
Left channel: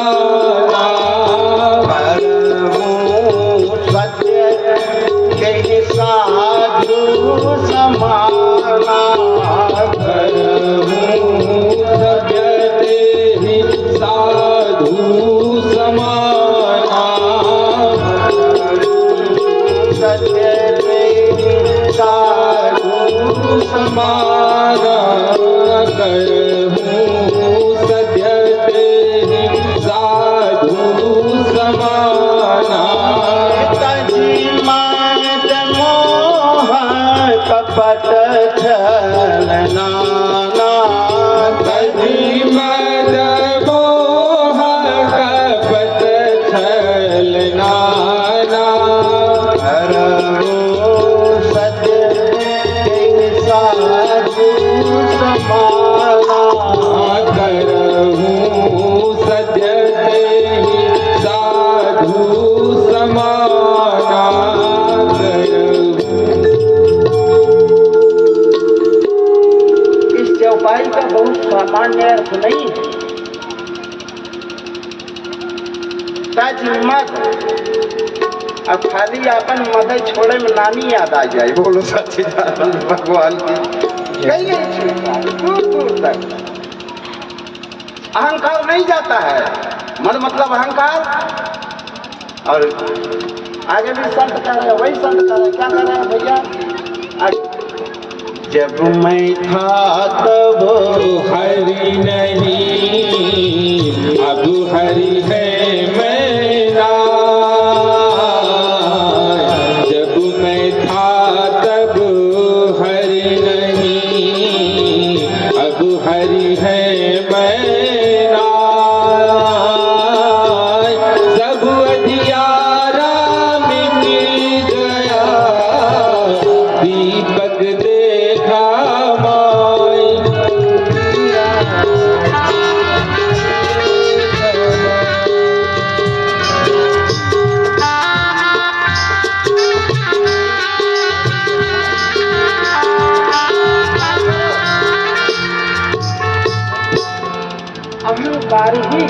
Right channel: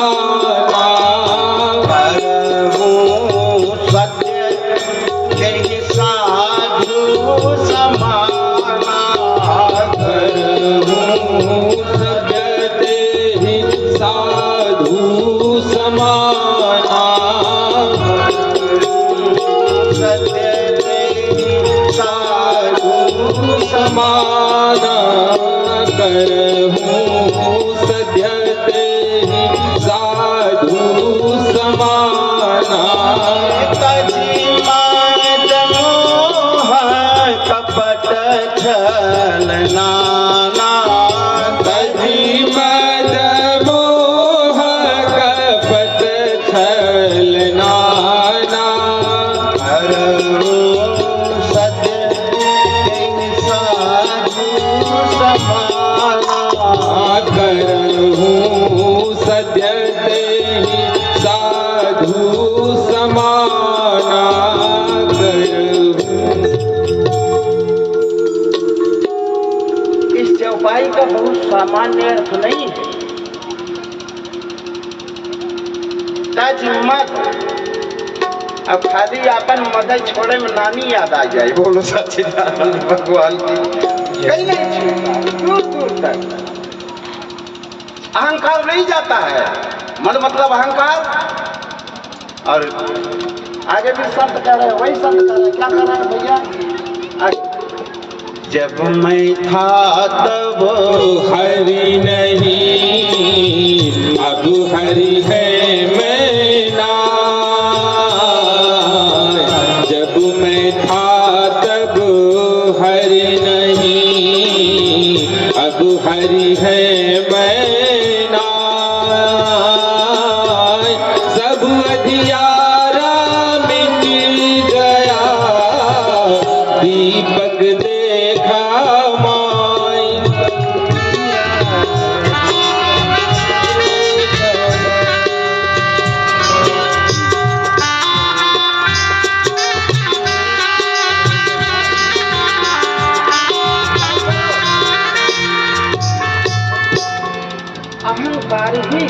सत्य के साधु समाना, सभ्यते ही साधु समाना, समाना करहूँ सद्यते ही साधु समाना। तजी मद मोह कपट छलना, तजी मद मोह कपट छलना, करहूँ सद्यते ही साधु समाना, इस चौपाई का बहुत सामान्य अर्थ नहीं है। तज मद अब खाली अपन मदर छोड़े में नानी याद आ जाए। बोलो सच्चिदानंद भगवान की। कहीं नहीं छूटता, दूर दूर तक अहंकार नहीं जाता है। मन मतलब अहंकार। और आगे भी संत कह रहे हैं, वही संत कह रहे हैं। क्या कह रहे हैं भैया? जब मैं था तब हरि नहीं, अब हरि है मैं ना। जब मैं था तब हरि नहीं, अब हरि है मैं ना। सब अधियारा मिट गया, दीपक देखा माई। अहंकार ही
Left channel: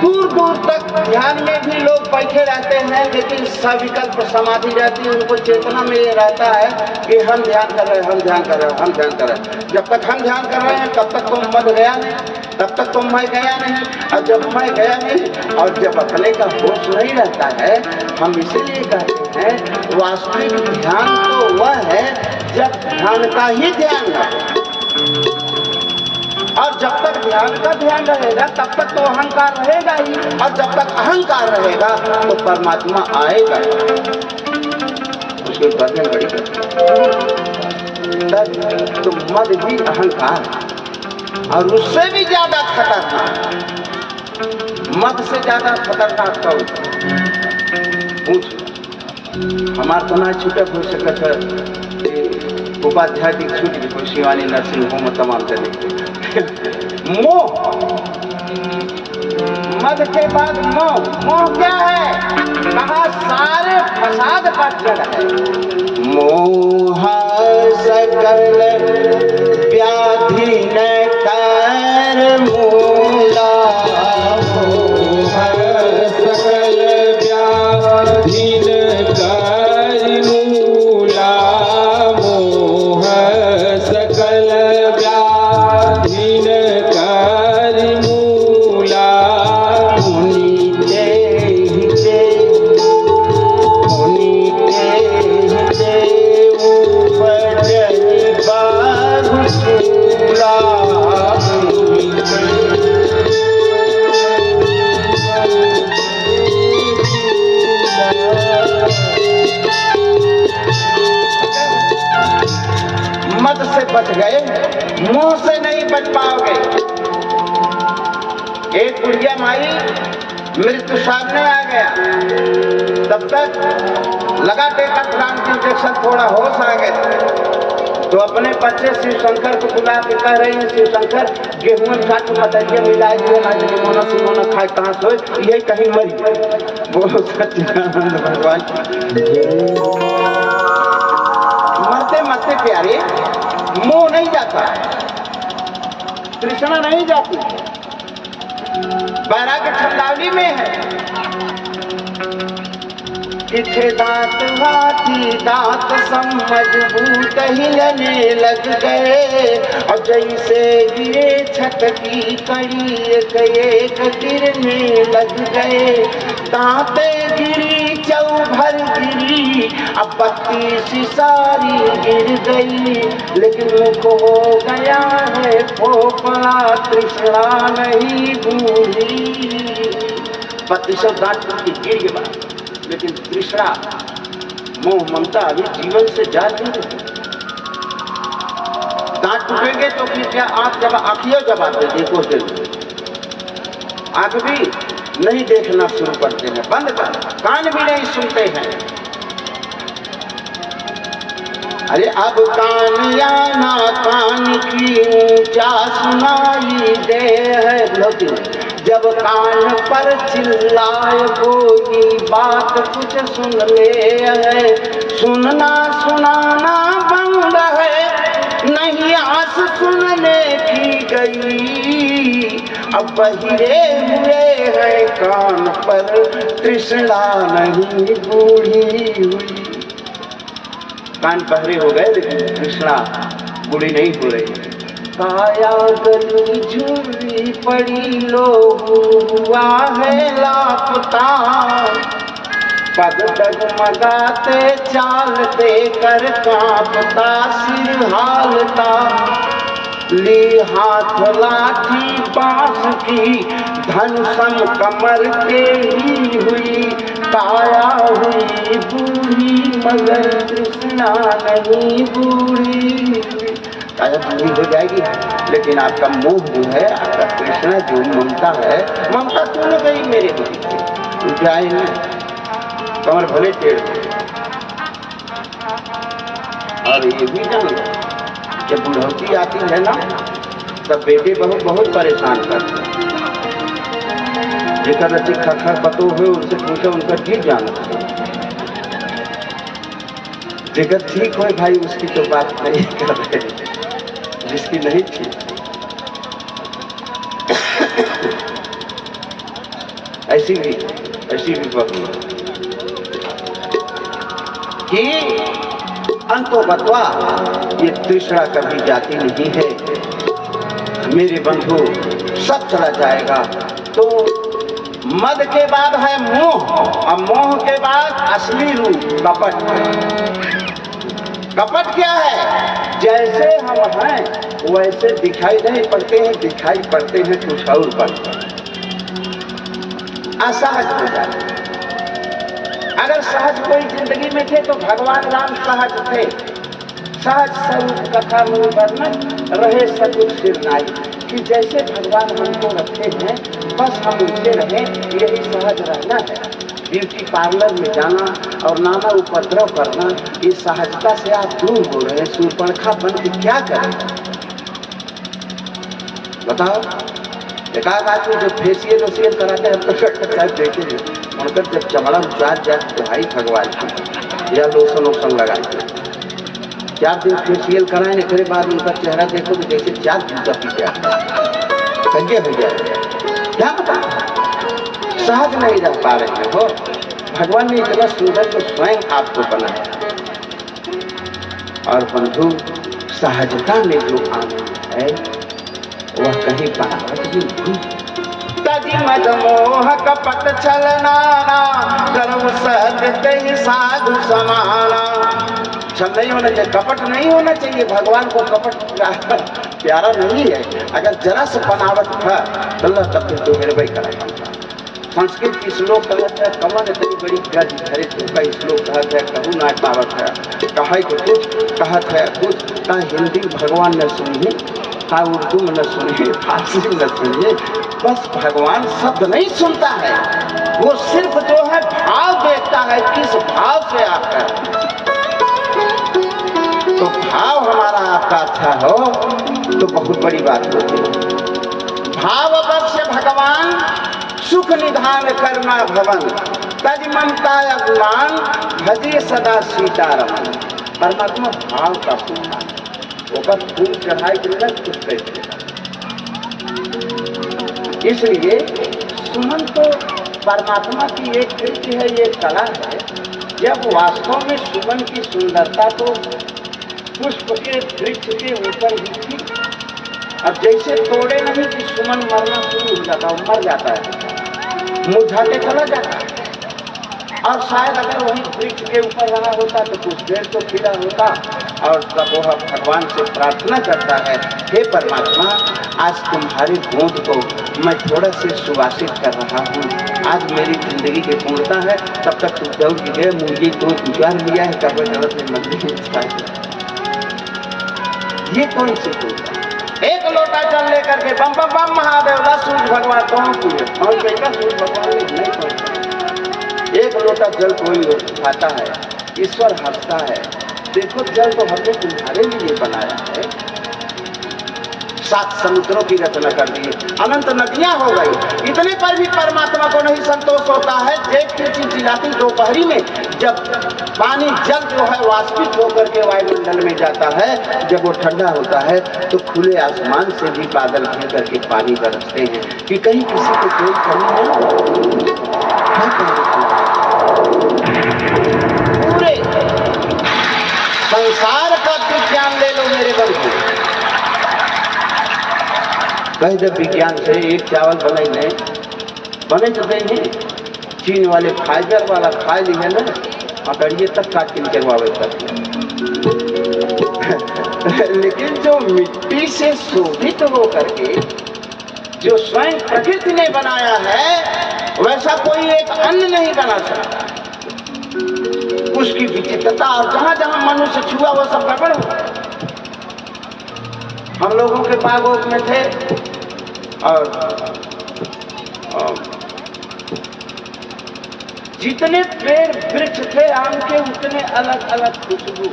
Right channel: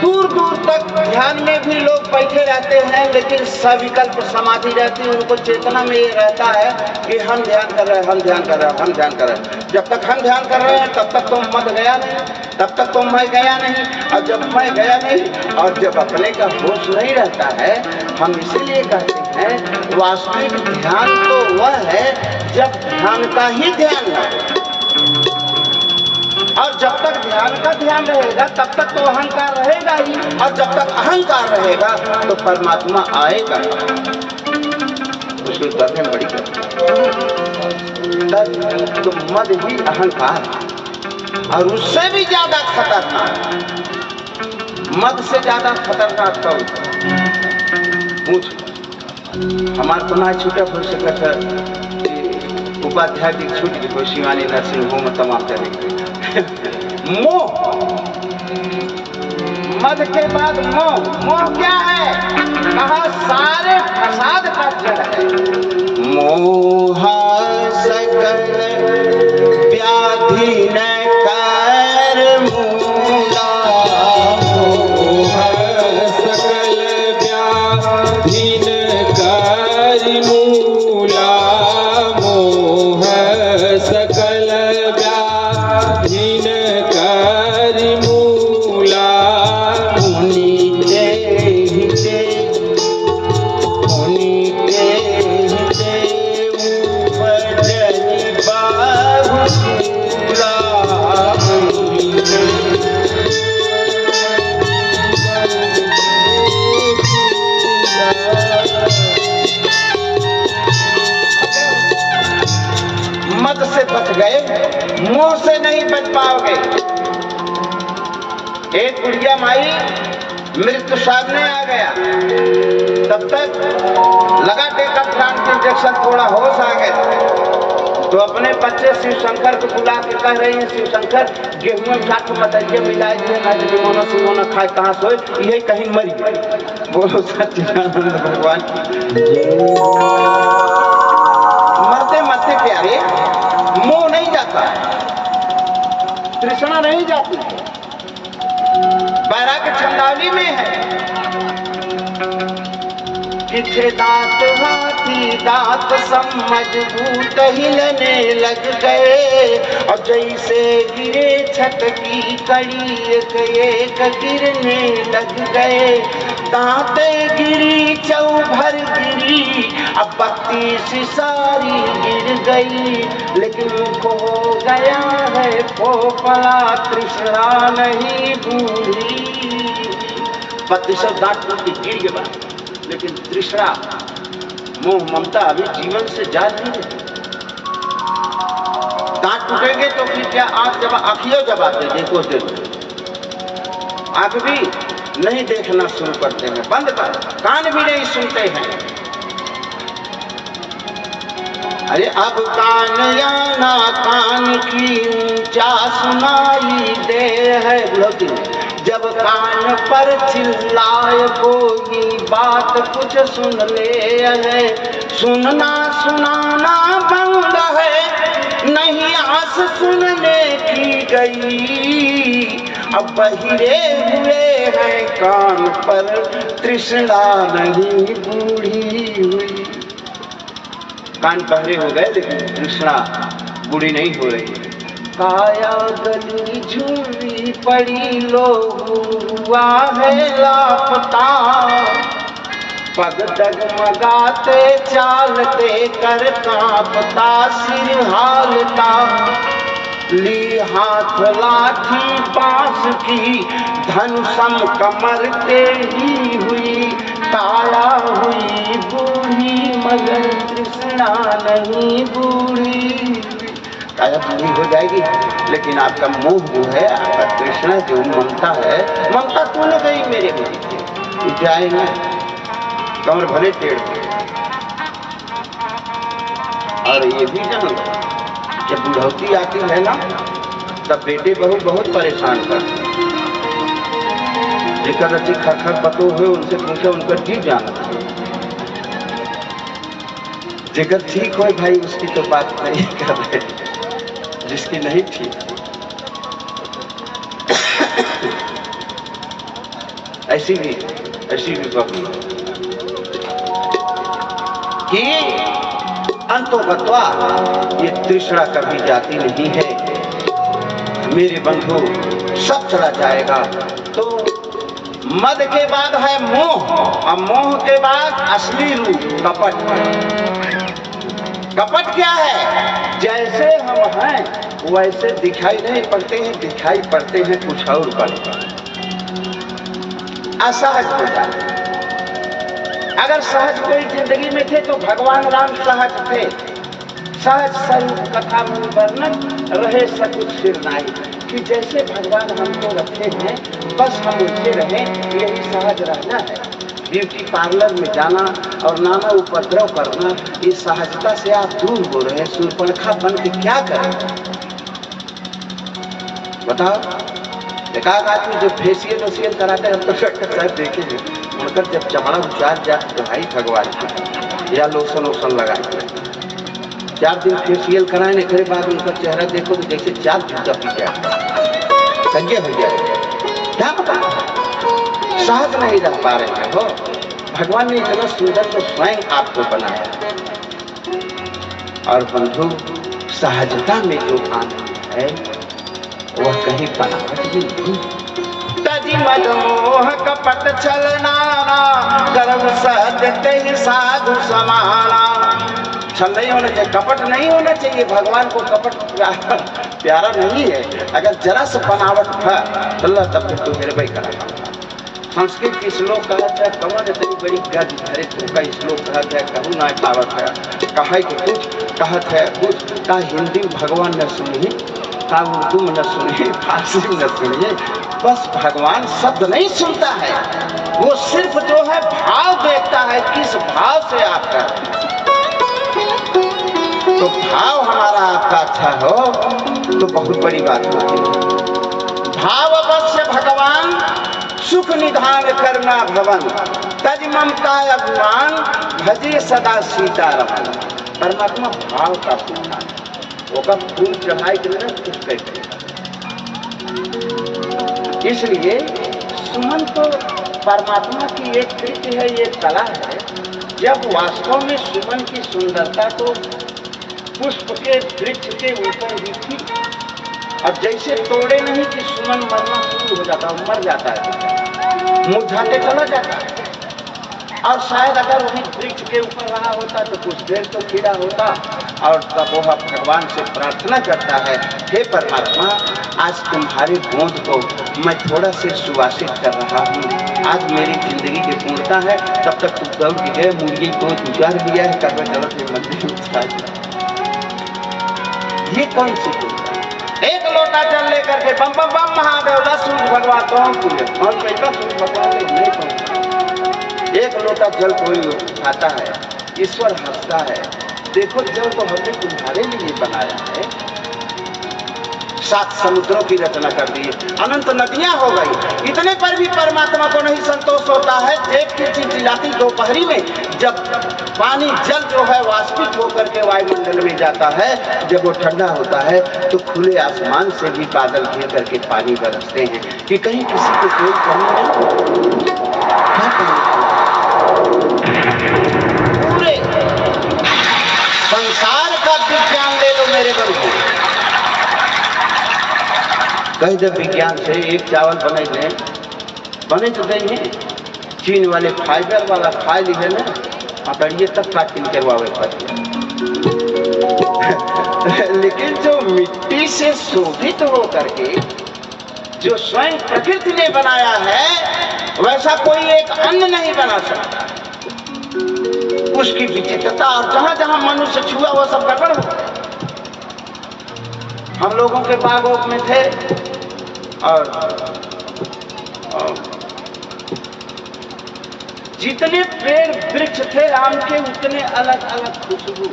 दूर दूर तक ध्यान में भी लोग बैठे रहते हैं, लेकिन सविकल्प समाधि रहती है। उनको चेतना में ये रहता है कि हम ध्यान कर रहे हैं, हम ध्यान कर रहे हैं, हम ध्यान कर रहे हैं। जब तक हम ध्यान कर रहे हैं तब तक तो मत गया नहीं, तब तक तो मैं गया नहीं। और जब मैं गया नहीं और जब अपने का होश नहीं रहता है, हम इसीलिए कहते हैं वास्तविक ध्यान तो वह है जब ध्यान का ही ध्यान रहे। और जब तक ध्यान का ध्यान रहेगा तब तक तो अहंकार रहेगा ही। और जब तक अहंकार रहेगा तो परमात्मा आएगा। उसके उत्तर में बड़ी तो मद ही अहंकार है। और उससे भी ज्यादा खतरनाक, मद से ज्यादा खतरनाक तो पूछ। हमारे तो ना छूटा हो सका उपाध्याय की छूट की शिवानी नर्सिंग होम तमाम तरीके मोह। मद के बाद मोह। मोह क्या है? कहा सारे फसाद का जड़ है। मोह सकल व्याधि न कर मूला। मोह सकल व्याधि न कर मूला। मोह सकल व्याधि न कर मूला। मद से बच गए, मोह से नहीं बच पाओगे। एक बुढ़िया माई मृत्यु सामने आ गया, तब तक लगा टेका प्राण के इंजेक्शन, थोड़ा होश आ गया तो अपने बच्चे शिव शंकर को बुला के कह रही है, शिव शंकर गेहूं छाट मतरिया मिलाई दिए ना, गेहूं सिमोना खाए कहाँ सोए, यही कहीं मरी। बोलो सच्चिदानंद भगवान। मरते मरते प्यारे मोह नहीं जाता, तृष्णा नहीं जाती। बैराग छंदावली में है कि थे दांत हाथी दांत सब मजबूत हिलने लग गए, और जैसे गिरे छत की कड़ी एक गिरने लग गए। दांते गिरी चौभर गिरी, अब बत्ती सी सारी गिर गई, लेकिन मुख हो गया है पोपला, तृष्णा नहीं बूढ़ी। बत्ती सब दांत टूट के गिर गया, लेकिन तृष्णा मोह ममता अभी जीवन से जा नहीं रही। दांत टूटेंगे तो फिर क्या आंख जब आंखियों जब आते देखो देखो, आंख भी नहीं देखना शुरू करते हैं, बंद कर, कान भी नहीं सुनते हैं। अरे अब कान या ना कान की ऊंचा सुनाई दे है, जब कान पर चिल्लाए कोई बात कुछ सुन ले है। सुनना सुनाना बंद है, नहीं आस सुनने की गई, अब बहिरे हुए हैं कान पर, तृष्णा नहीं बूढ़ी हुई। कान बहरे हो गए लेकिन तृष्णा बूढ़ी नहीं हो रही। काया गली झुर्री पड़ी, लोहू हुआ है लापता, पग डगमगाते चालते कर कांपता सिर हालता, ली हाथ लाठी बांस की धनुषम कमर टेढ़ी हुई, काया हुई बूढ़ी मगर तृष्णा नहीं बूढ़ी हुई। काया बूढ़ी हो जाएगी लेकिन आपका मोह जो है, आपका तृष्णा जो ममता है, ममता तो न गई मेरे मन जाए न, कमर भले टेढ़ हो। और ये भी जान लो जब बुढ़ौती आती है ना, तब बेटे बहू बहुत परेशान करते हैं। जेकर अच्छी खर पतो हुए उनसे पूछो, उनका ठीक जाना। जेकर ठीक हो भाई उसकी तो बात नहीं कर रहे, जिसकी नहीं ठीक ऐसी भी बात कि अंतो बतवा ये तृष्णा कभी जाती नहीं है मेरे बंधु, सब चला जाएगा। तो मद के बाद है मोह, और मोह के बाद असली रूप कपट। कपट क्या है? जैसे हम हैं वैसे दिखाई नहीं पड़ते हैं, दिखाई पड़ते हैं कुछ और बनते, असहज हो जाते। अगर सहज कोई जिंदगी में थे तो भगवान राम सहज थे। सहज स्वरूप कथा में वर्णन रहे सकुच सिर नाई, कि जैसे भगवान हमको रखे हैं बस हम उनसे रहें, यही सहज रहना है। ब्यूटी पार्लर में जाना और नाना उपद्रव करना, ये सहजता से आप दूर हो रहे हैं। शूर्पणखा बन के क्या करें बताओ? एक आदमी जब फेसियल कराते हैं, हम तो शायद देखे हैं, मगर जब चमड़ा उचार जाए तो भाई भगवान की या लोशन वोशन लगाए 4 दिन फेसियल कराने के बाद उनका चेहरा देखो तो जैसे 4 जूता पी गया, संज्ञा हो जाए। क्या पता सहज नहीं रह पा रहे हैं हो। भगवान ने इतना सुंदर तो स्वयं आपको बनाया। और बंधु सहजता में जो आनंद है वह कहीं बनावट भी नहीं। तजी मद मोह कपट छलनाना, कर्म सहजते ही साधु समाना। छल नहीं होना चाहिए, कपट नहीं होना चाहिए। भगवान को कपट प्यारा नहीं है। अगर जरा से बनावट था तो अल्लाह तब तो मेरे भाई करा पाता। संस्कृत की श्लोक कहता है, कमर इतनी बड़ी गज धरे तो का श्लोक कहता है, कहूँ ना पावत है, कहा कि कुछ कहत है कुछ, का हिंदी भगवान न सुनिए, का उर्दू में न सुनिए, फारसी में न सुनिए। बस भगवान शब्द नहीं सुनता है, वो सिर्फ जो है भाव देखता है, किस भाव से आपका। तो भाव हमारा आपका अच्छा हो तो बहुत बड़ी बात होती है। भाव अवश्य भगवान सुख निधान करना भवन, तज ममता अभिमान भजे सदा सीतारमन। परमात्मा भाव का फूल है, वो फूल चढ़ाई के लिए कुछ कहते हैं। इसलिए सुमन तो परमात्मा की एक कृति है, ये कला है। जब वास्तव में सुमन की सुंदरता तो पुष्प के वृक्ष के ऊपर ही थी। अब जैसे तोड़े नहीं कि सुमन मरना शुरू हो जाता, मर जाता है, मुरझाते चला जाता है। और शायद अगर वही वृक्ष के ऊपर रहा होता तो कुछ देर तो खिला होता। और तब वह भगवान से प्रार्थना करता है, हे परमात्मा, आज तुम्हारी गोद को मैं थोड़ा से सुवासित कर रहा हूँ। आज मेरी जिंदगी की पूर्णता है। तब तक तू दौड़ के गए, मुर्गी को गुजार लिया है, करवे चलत में मंदिर में। ये कौन सी पूजा? एक लोटा जल लेकर के बम बम बम महादेव दा सूर्य भगवान कौन पूरे और बेटा सूर्य भगवान ने नहीं पहुंचा। एक लोटा जल कोई खाता है, ईश्वर हंसता है। देखो जल तो हमने तुम्हारे लिए बनाया है। 7 समुद्रों की रचना कर दी, अनंत नदियां हो गई। इतने पर भी परमात्मा को नहीं संतोष होता है। देख के चिलचिलाती दोपहरी में जब पानी जल जो है वाष्पित होकर के वायुमंडल में जाता है, जब वो ठंडा होता है तो खुले आसमान से भी बादल घेर करके पानी बरसते हैं कि कहीं किसी को कोई कमी नहीं हो। पूरे संसार का विज्ञान ले लो मेरे बंधु, कहीं जब विज्ञान से एक चावल बने तो नहीं, चीन वाले फाइबर वाला खा ली है ना, पकड़िए तब काट के वावे पड़िए। लेकिन जो मिट्टी से शोभित हो करके जो स्वयं प्रकृति ने बनाया है, वैसा कोई एक अन्न नहीं बना सकता। उसकी विचित्रता, और जहां जहां मनुष्य छुआ वो सब गड़बड़ हो गया। हम लोगों के बागों में थे और जितने पेड़ वृक्ष थे आम के, उतने अलग अलग खुशबू,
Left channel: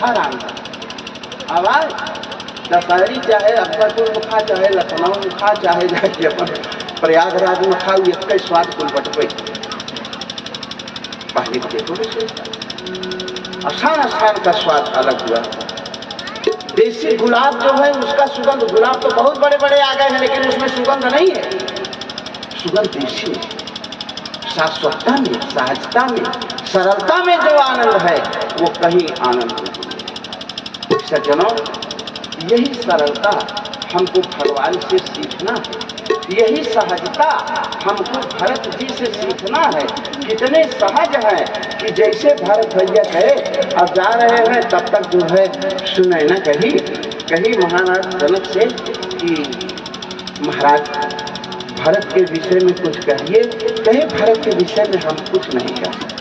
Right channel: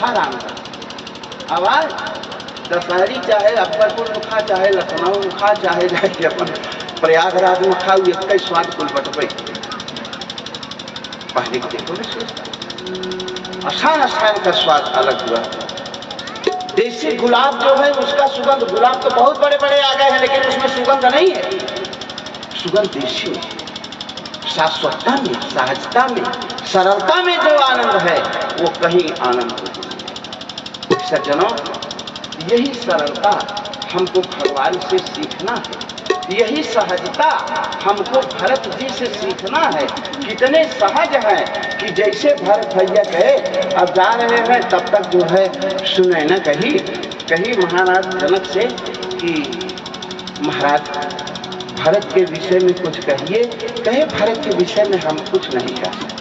हर आम का आवाज। दशहरी चाहे अकबरपुर में खा, चाहे लखनऊ में खा, चाहे जाके अपन प्रयागराज में खाऊ, एक ही स्वाद कुल बटपे। पहले को देखो आसान का स्वाद अलग हुआ। देसी गुलाब जो है उसका सुगंध, गुलाब तो बहुत बड़े बड़े आ गए हैं लेकिन उसमें सुगंध नहीं है। सुगंध देसी है। शाश्वतता में, सहजता में, सरलता में जो आनंद है वो कहीं आनंद नहीं। सज्जनों, यही सरलता हमको भगवान से सीखना है, यही सहजता हमको भरत जी से सीखना है। कितने सहज हैं कि जैसे भरत भैया गए, अब जा रहे हैं, तब तक जो है सुने न कही महाराज जनक से कि महाराज भरत के विषय में कुछ कहिए। कहे भरत के विषय में हम कुछ नहीं कह सकते,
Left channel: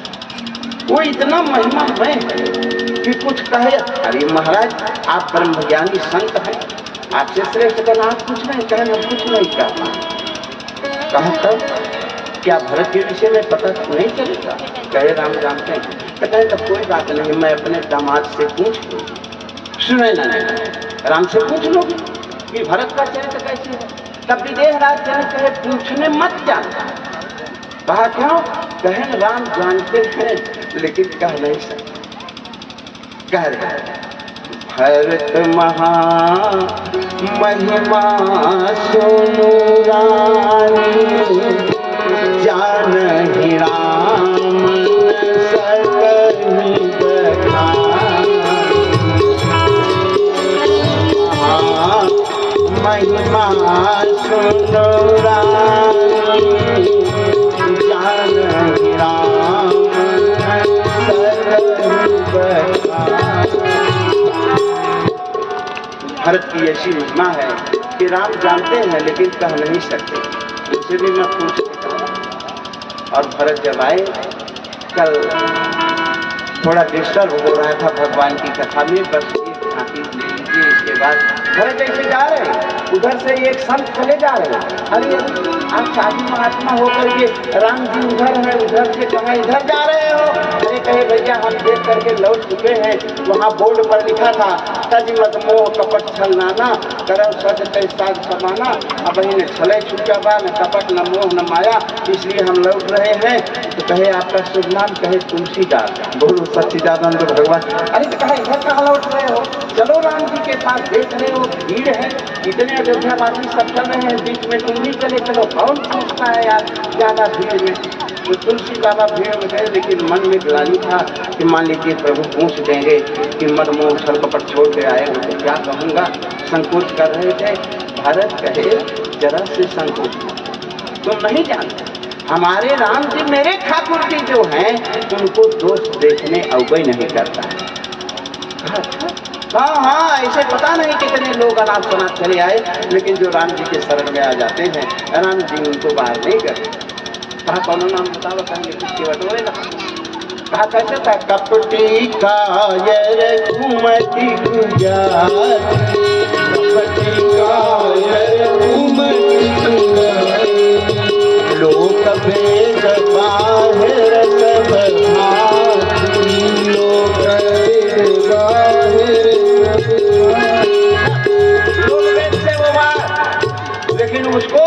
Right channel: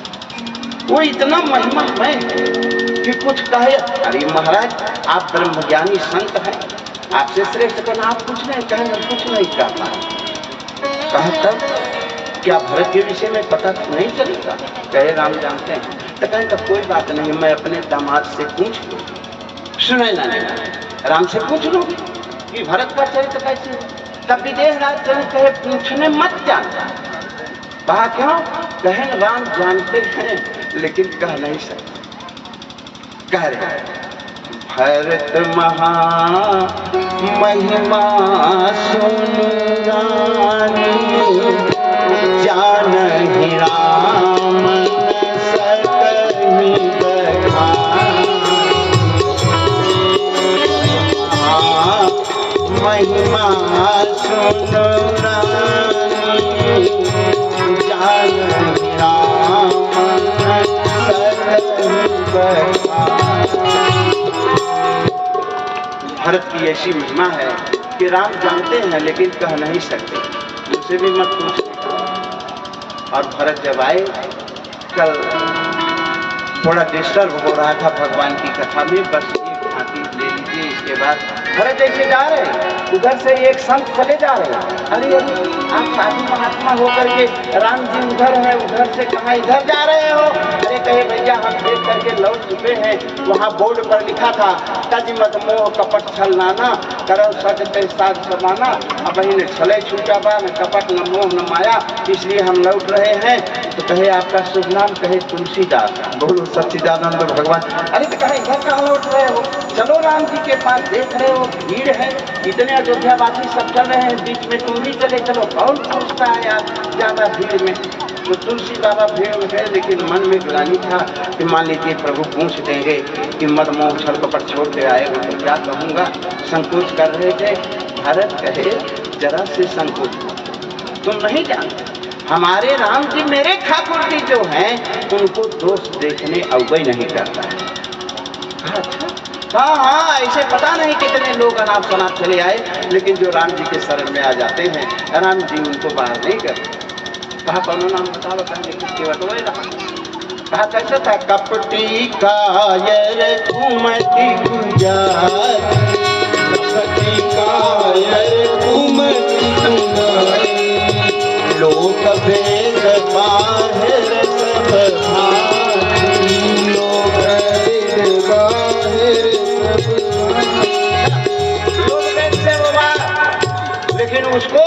वो इतना महिमा है कि कुछ कहे। अरे महाराज आप ब्रह्मज्ञानी संत हैं, आपसे श्रेष्ठ का नाम कुछ नहीं कहे, मैं कुछ नहीं कहता। कहा तब क्या भरत के विषय में पता नहीं चलेगा? कहे राम जानते हैं। तो कहे तब कोई बात नहीं, मैं अपने दामाद से पूछ लूँ। सुने ना राम से पूछ लो कि भरत का चरित्र कैसे है। तब विदेह राज जनक कहे पूछने मत जाना। कहा क्यों? कहे राम जानते हैं लेकिन कह नहीं सकते। कह रहे भरत महा महिमा सुनु रानी, जानहि राम सकहि बखानी। महिमा सुनु रानी, जानहि राम सकहि बखानी। भरत की ऐसी महिमा है कि राम जानते हैं लेकिन कह नहीं सकते, उनसे भी मत पूछने। और भरत जब आए, कल थोड़ा डिस्टर्ब हो रहा था भगवान की कथा में, बस एक झांकी ले लीजिए। इसके बाद भरत ऐसे जा रहे, उधर से एक संत चले जा रहे। अरे आप साधु महात्मा होकर के राम जी उधर है, उधर से कहाँ इधर जा रहे हो? अरे कहे भैया हम देख करके लौट चुके हैं, वहाँ बोर्ड पर लिखा था तज मत मोह कपट छल नाना, करम सच तय साध समाना। अब ने छले छूटा बा, न कपट न मोह न माया, इसलिए हम लौट रहे हैं। तो कहे आपका शुभ नाम? कहे तुलसीदास। बोलो सच्चिदानंद भगवान। अरे तो कहे इधर कहाँ लौट रहे हो? चलो राम जी के पास, देख रहे हो भीड़ है, इतने अयोध्यावासी सब चल रहे हैं, बीच में तुम भी चले चलो। कौन पूछता है यार ज्यादा भीड़ में? तो तुलसी बाबा भीड़ में गए, लेकिन मन में ग्लानि था कि मान लीजिए प्रभु पूछ देंगे कि मद मोह छल कपट छोड़ के आए हो तो क्या कहूँगा। संकोच कर रहे थे। भरत कहे जरा से संकोच, तुम नहीं जानते हमारे राम जी मेरे ठाकुर जी जो हैं उनको दोष देखने अवगय नहीं करता है। अच्छा हाँ, ऐसे पता नहीं कितने लोग अनाथ शनाथ चले आए, लेकिन जो राम जी के शरण में आ जाते हैं राम जी उनको बाहर नहीं करते। कहा कौन नाम बताओ, कहेंगे किसके बटोरे रहा। कहा कैसे था? कपटी कायर घूमती गुजारी, कपटी कायर घूमती गुजारी, लोक भेद बाहिर सब भाती, लोक भेद बाहिर सब भाती। उसको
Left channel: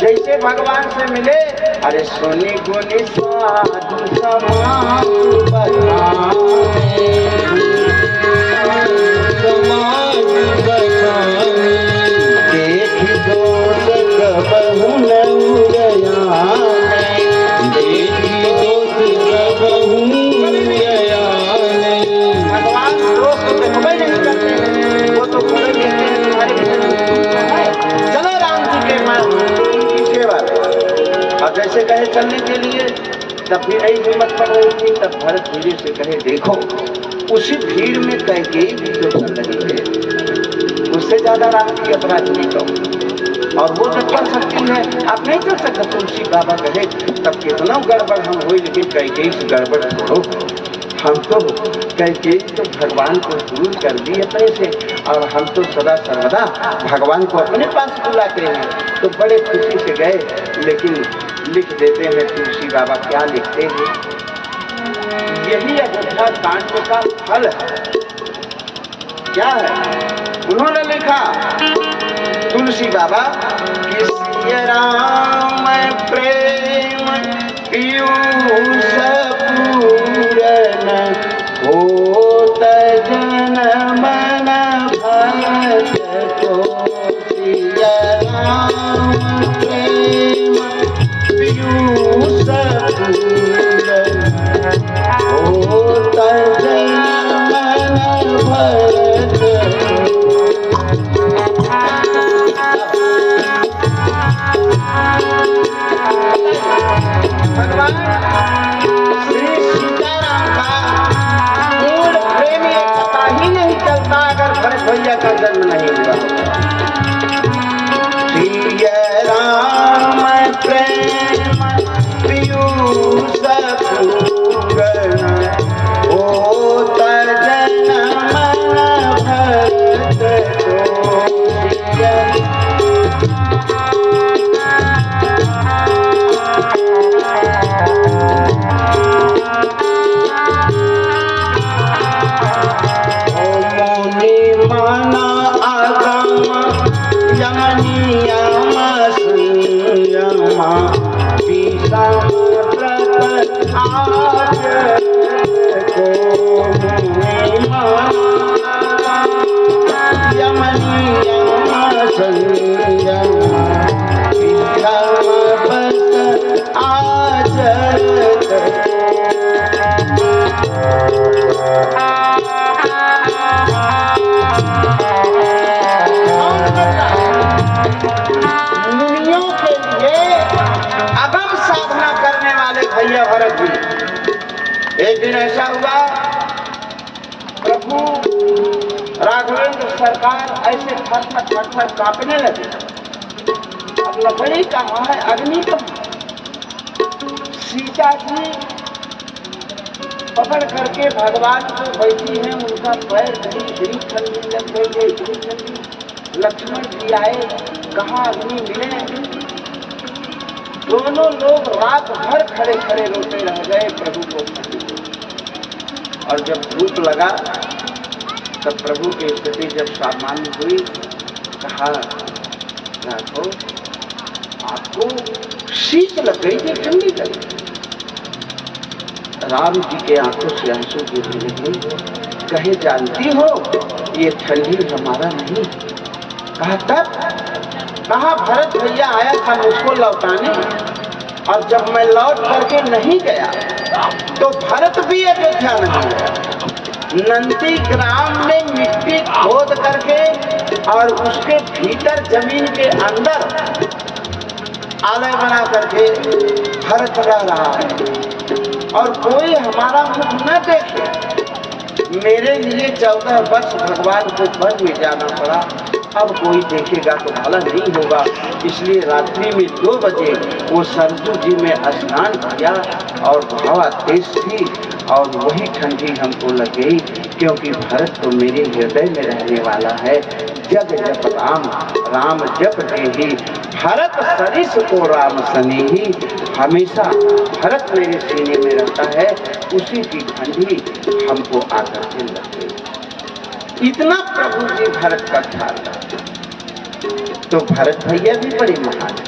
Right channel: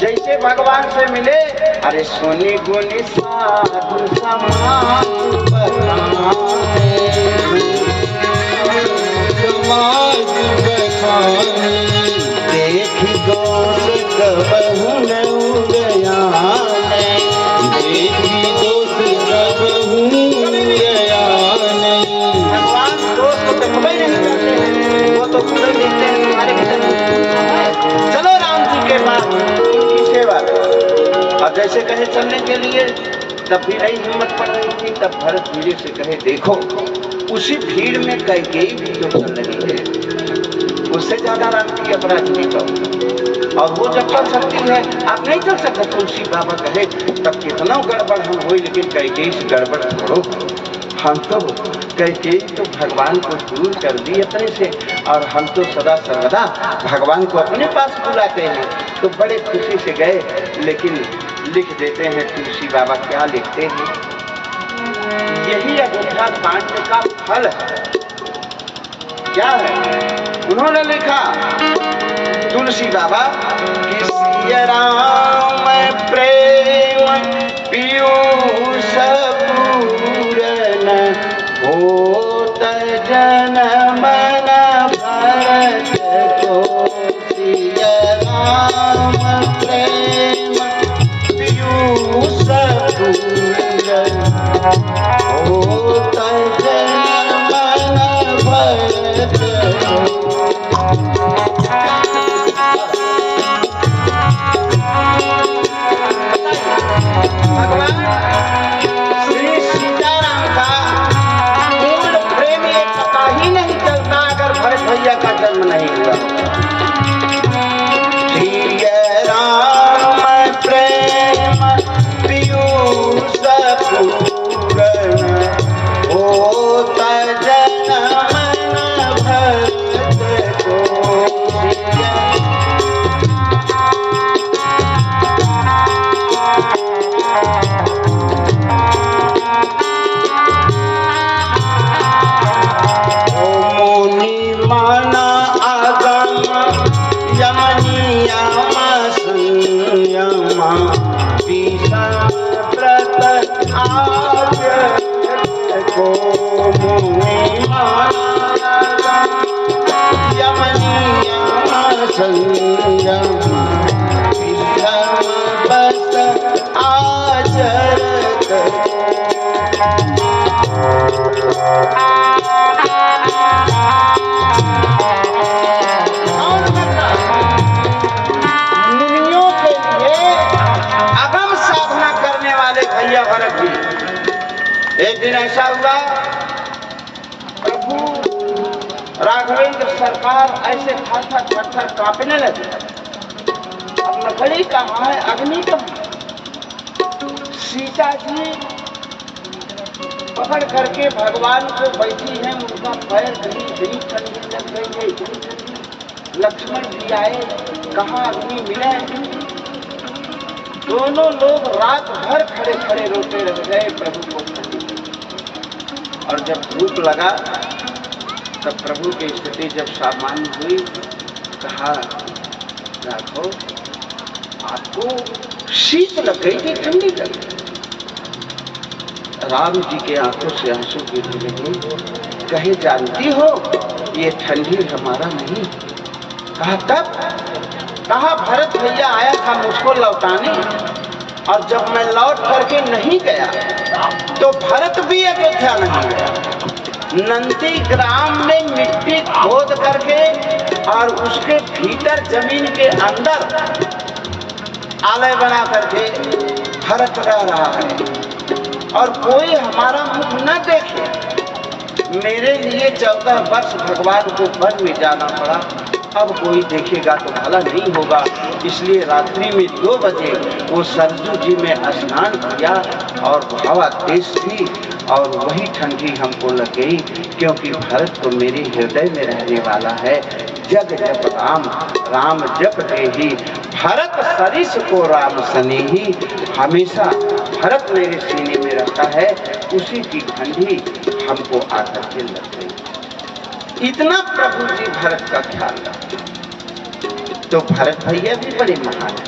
जैसे भगवान से मिले, अरे सोनी गुनी साधु समाज बखाने, समाज बखानी, देखी दोष कबहु न उदयाने, देखी दोष कबहू गया नहीं। भगवान दोष तो देखबे नहीं करते हैं, वो तो पूरा देखते हैं तुम्हारे भीतर कुछ है, चलो राम जी के पास उनकी सेवा करो। और जैसे कहे चलने के लिए, तब भी नहीं हिम्मत पड़ रही थी। तब भरत धीरे से कहे, देखो उसी भीड़ में कैकेयी भी तो चल रही है, उससे ज्यादा राम की अपराधी कहो, और वो जब चल सकती है आप नहीं चल सकते। तुलसी बाबा कहे तब कितना गड़बड़ हम हुई, लेकिन कैकेयी से गड़बड़ छोड़ो, हम तो कैकेयी तो भगवान को दूर कर दी अपने से, और हम तो सदा सर्वदा भगवान को अपने पास बुलाते हैं। तो बड़े खुशी से गए, लेकिन लिख देते हैं तुलसी बाबा, क्या लिखते हैं, यही अयोध्या कांड का फल है। क्या है उन्होंने लिखा, तुलसी बाबा कि सिया राम प्रेम पीयूष पूरन होत जनम न भरत को, सिया राम प्रेम पीयूष पूरन होत जनम न भरत भगवान श्री सीताराम का मूल प्रेम ये पता ही नहीं चलता अगर भरत भैया का जन्म नहीं हुआ होता। सिया राम प्रेम पीयूष पूरन होत जनम न भरत को, सिया मुनि माना आगम यम नियम संयम, विषम व्रत आचरण को, मुनि माना यम नियम संयम, विषम व्रत आचरण मुनियों के लिए अगम साधना करने वाले भैया भरत जी। एक दिन ऐसा हुआ, प्रभु राघवेंद्र सरकार ऐसे थर थर कांपने लगे। अब लकड़ी कहाँ है, अग्नि कहाँ है? सीता जी पकड़ करके भगवान को बैठी हैं, उनका पैर इतनी ठंडी लग गई है, इतनी ठंडी। लक्ष्मण जी आए, कहाँ अग्नि मिले। दोनों लोग रात भर खड़े खड़े रोते रह गए प्रभु को ठंडी लगी। और जब धूप लगा तब प्रभु की स्थिति जब सामान्य हुई, कहा राघव आपको शीत लग गई थी, ठंडी लगी। राम जी के आंखों से आंसू गिरने लगे, कहे जानती हो ये ठंडी हमारा नहीं। कहा तब, कहा भरत भैया आया था मुझको लौटाने, और जब मैं लौट करके नहीं गया तो भरत भी अयोध्या नहीं गया। नंदी ग्राम में मिट्टी खोद करके और उसके भीतर जमीन के अंदर आलय बना करके भरत रह रहा है, और कोई हमारा मुख न देखे। मेरे लिए 14 वर्ष भगवान को वन में जाना पड़ा, अब कोई देखेगा तो भला नहीं होगा। इसलिए रात्रि में 2 बजे वो सरजू जी में स्नान किया, और हवा तेज थी और वही ठंडी हमको लग गई, क्योंकि भरत तो मेरे हृदय में रहने वाला है। जग जप राम राम जप देहि, भरत सरिस को राम सनेही। हमेशा भरत मेरे सीने में रहता है, उसी की ठंडी हमको आकर के लग गई। इतना प्रभु जी भरत का ख्याल रखते। तो भरत भैया भी बड़े महान है।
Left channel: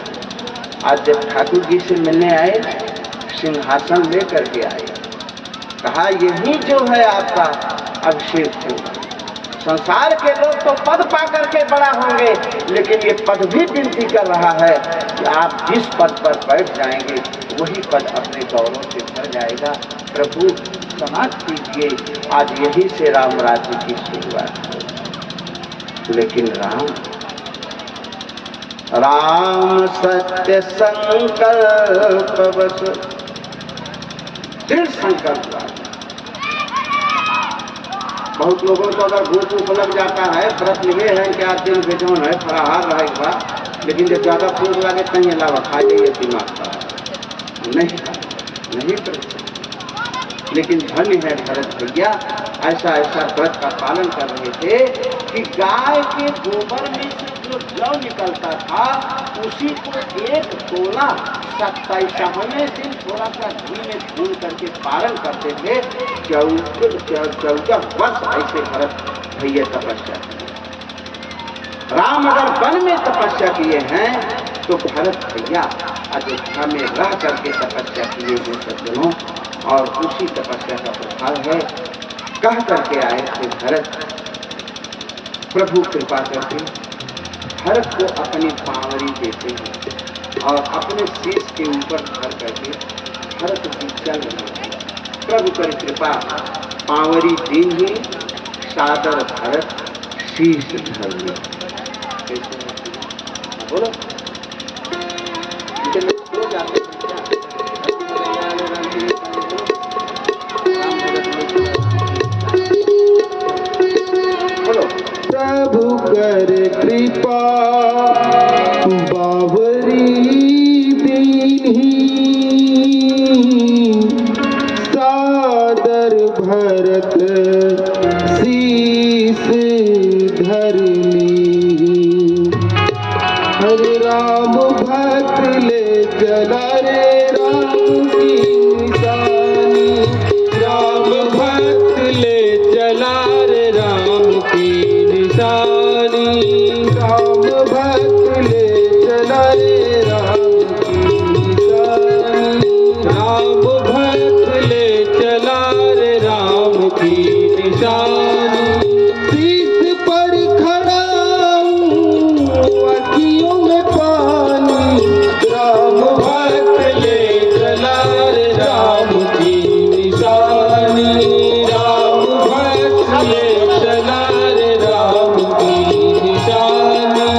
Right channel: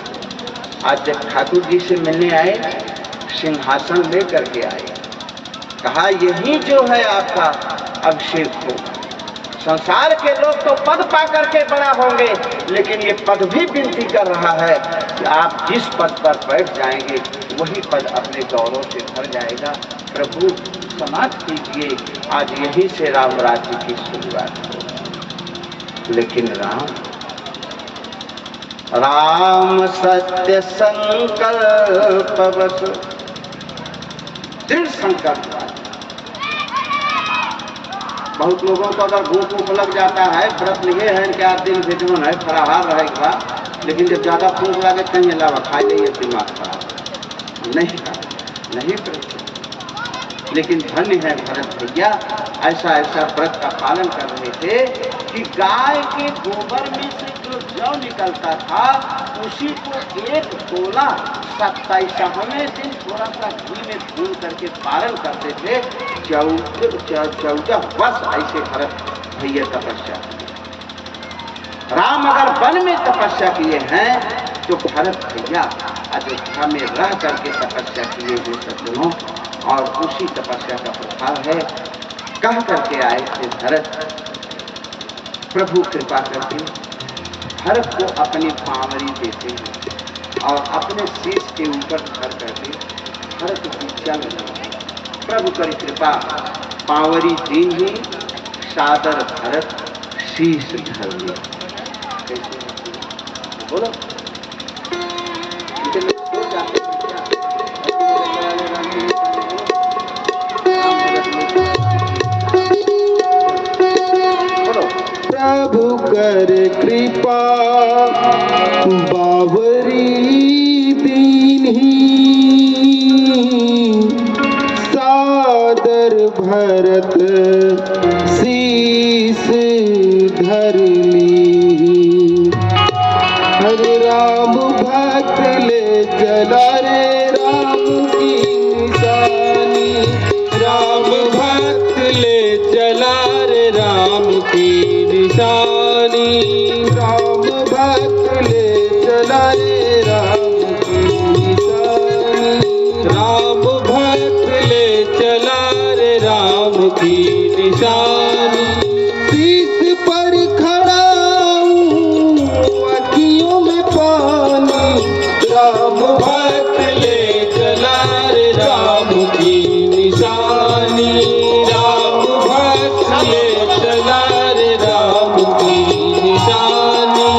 आज जब ठाकुर जी से मिलने आए, सिंहासन लेकर के आए, कहा यही जो है आपका अभिषेक होगा। संसार के लोग तो पद पा करके बड़ा होंगे, लेकिन ये पद भी विनती कर रहा है कि आप जिस पद पर बैठ जाएंगे वही पद अपने गौरव से भर जाएगा। प्रभु समाप्त कीजिए, आज यही से राम राज्य की शुरुआत हो। लेकिन राम सत्य संकल्प बस दृढ़ संकल्प वाला। बहुत लोगों को अगर भूख भूख लग जाता है, व्रत लिए हैं क्या दिन भेजोन है, फलाहार रहेगा, लेकिन जब ज्यादा भूख लगे कहीं अलावा खा जाइए, दिमाग खराब नहीं पड़ेगा। लेकिन धन्य है भरत भैया, ऐसा व्रत का पालन कर रहे थे कि गाय के गोबर में से जो जौ निकलता था उसी को एक तोला 27वें दिन थोड़ा सा घी में भून करके पालन करते थे। 14 वर्ष ऐसे भरत भैया तपस्या किए। राम अगर वन में तपस्या किए हैं तो भरत भैया अयोध्या में रह करके तपस्या किए हैं सज्जनों, और उसी तपस्या का प्रभाव है। कह करके आए थे भरत, प्रभु कृपा करके भरत को अपनी पावरी देते हैं और अपने शीश के ऊपर धर करके भरत जी चल रहे हैं। प्रभु करी कृपा, पावरी दी ही सादर भरत शीश धर लिया। कैसे बोलो, हो जाते हैं क्या? प्रभु कर कृपा बावरी दीन्ही, सादर भरत शीस धर ली। हरे राम भक्त ले चला रे राम की निशानी, राम भक्त ले चला रे राम की निशानी, राम भक्त ले चला रे राम की निशानी, राम भक्त ले चला रे राम की निशानी। शीश पर खड़ा हूँ अखियों में पानी, राम भक्त ले चला रे राम की निशानी, राम भक्त ले चला रे राम की निशानी।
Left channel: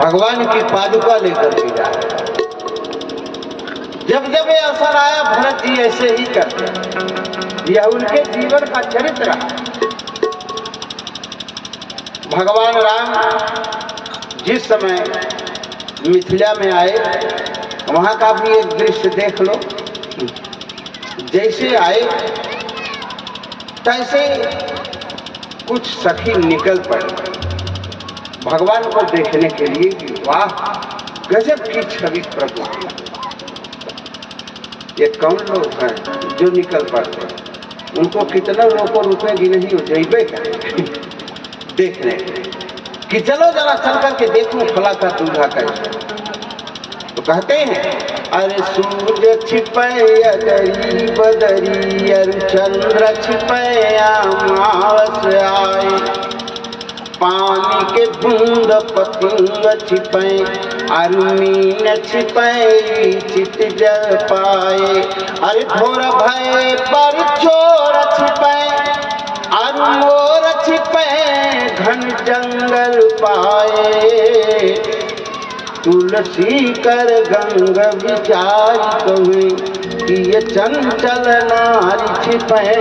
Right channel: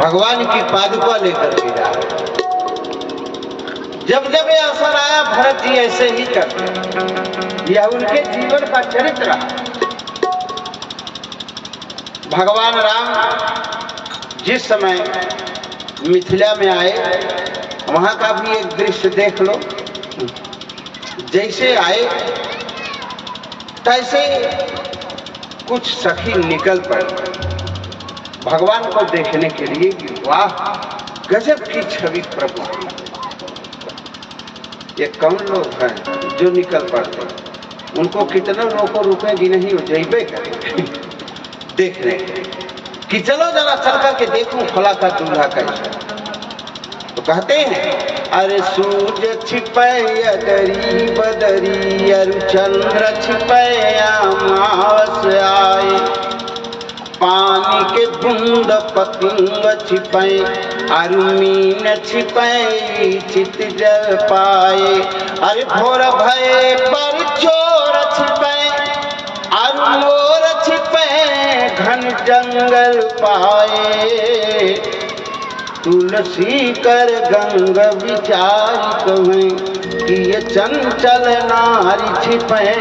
भगवान की पादुका लेकर के जा रहे हैं। जब जब ये अवसर आया भरत जी ऐसे ही करते, यह उनके जीवन का चरित्र रहा। भगवान राम जिस समय मिथिला में आए वहां का भी एक दृश्य देख लो। जैसे आए तैसे कुछ सखी निकल पड़े भगवान को देखने के लिए कि वाह गजब की छवि प्रभु की। ये कौन लोग हैं जो निकल पड़ते, उनको कितना लोगों को रुकेगी नहीं हो जाइबे करें देखने कि चलो जरा चल करके देखूं फला का दूल्हा कैसा। तो कहते हैं अरे सूरज छिपे अदरी बदरी अरु चंद्र छिपे अमावस आए, पानी के बूंद पतंग छिपे अरु मीन छिपे चित जल पाए, अरे भोर भय पर चोर छिपे अरु मोर छिपे घन जंगल पाए, तुलसी कर गंग विचार कहें कि ये चंचल नारी छिपे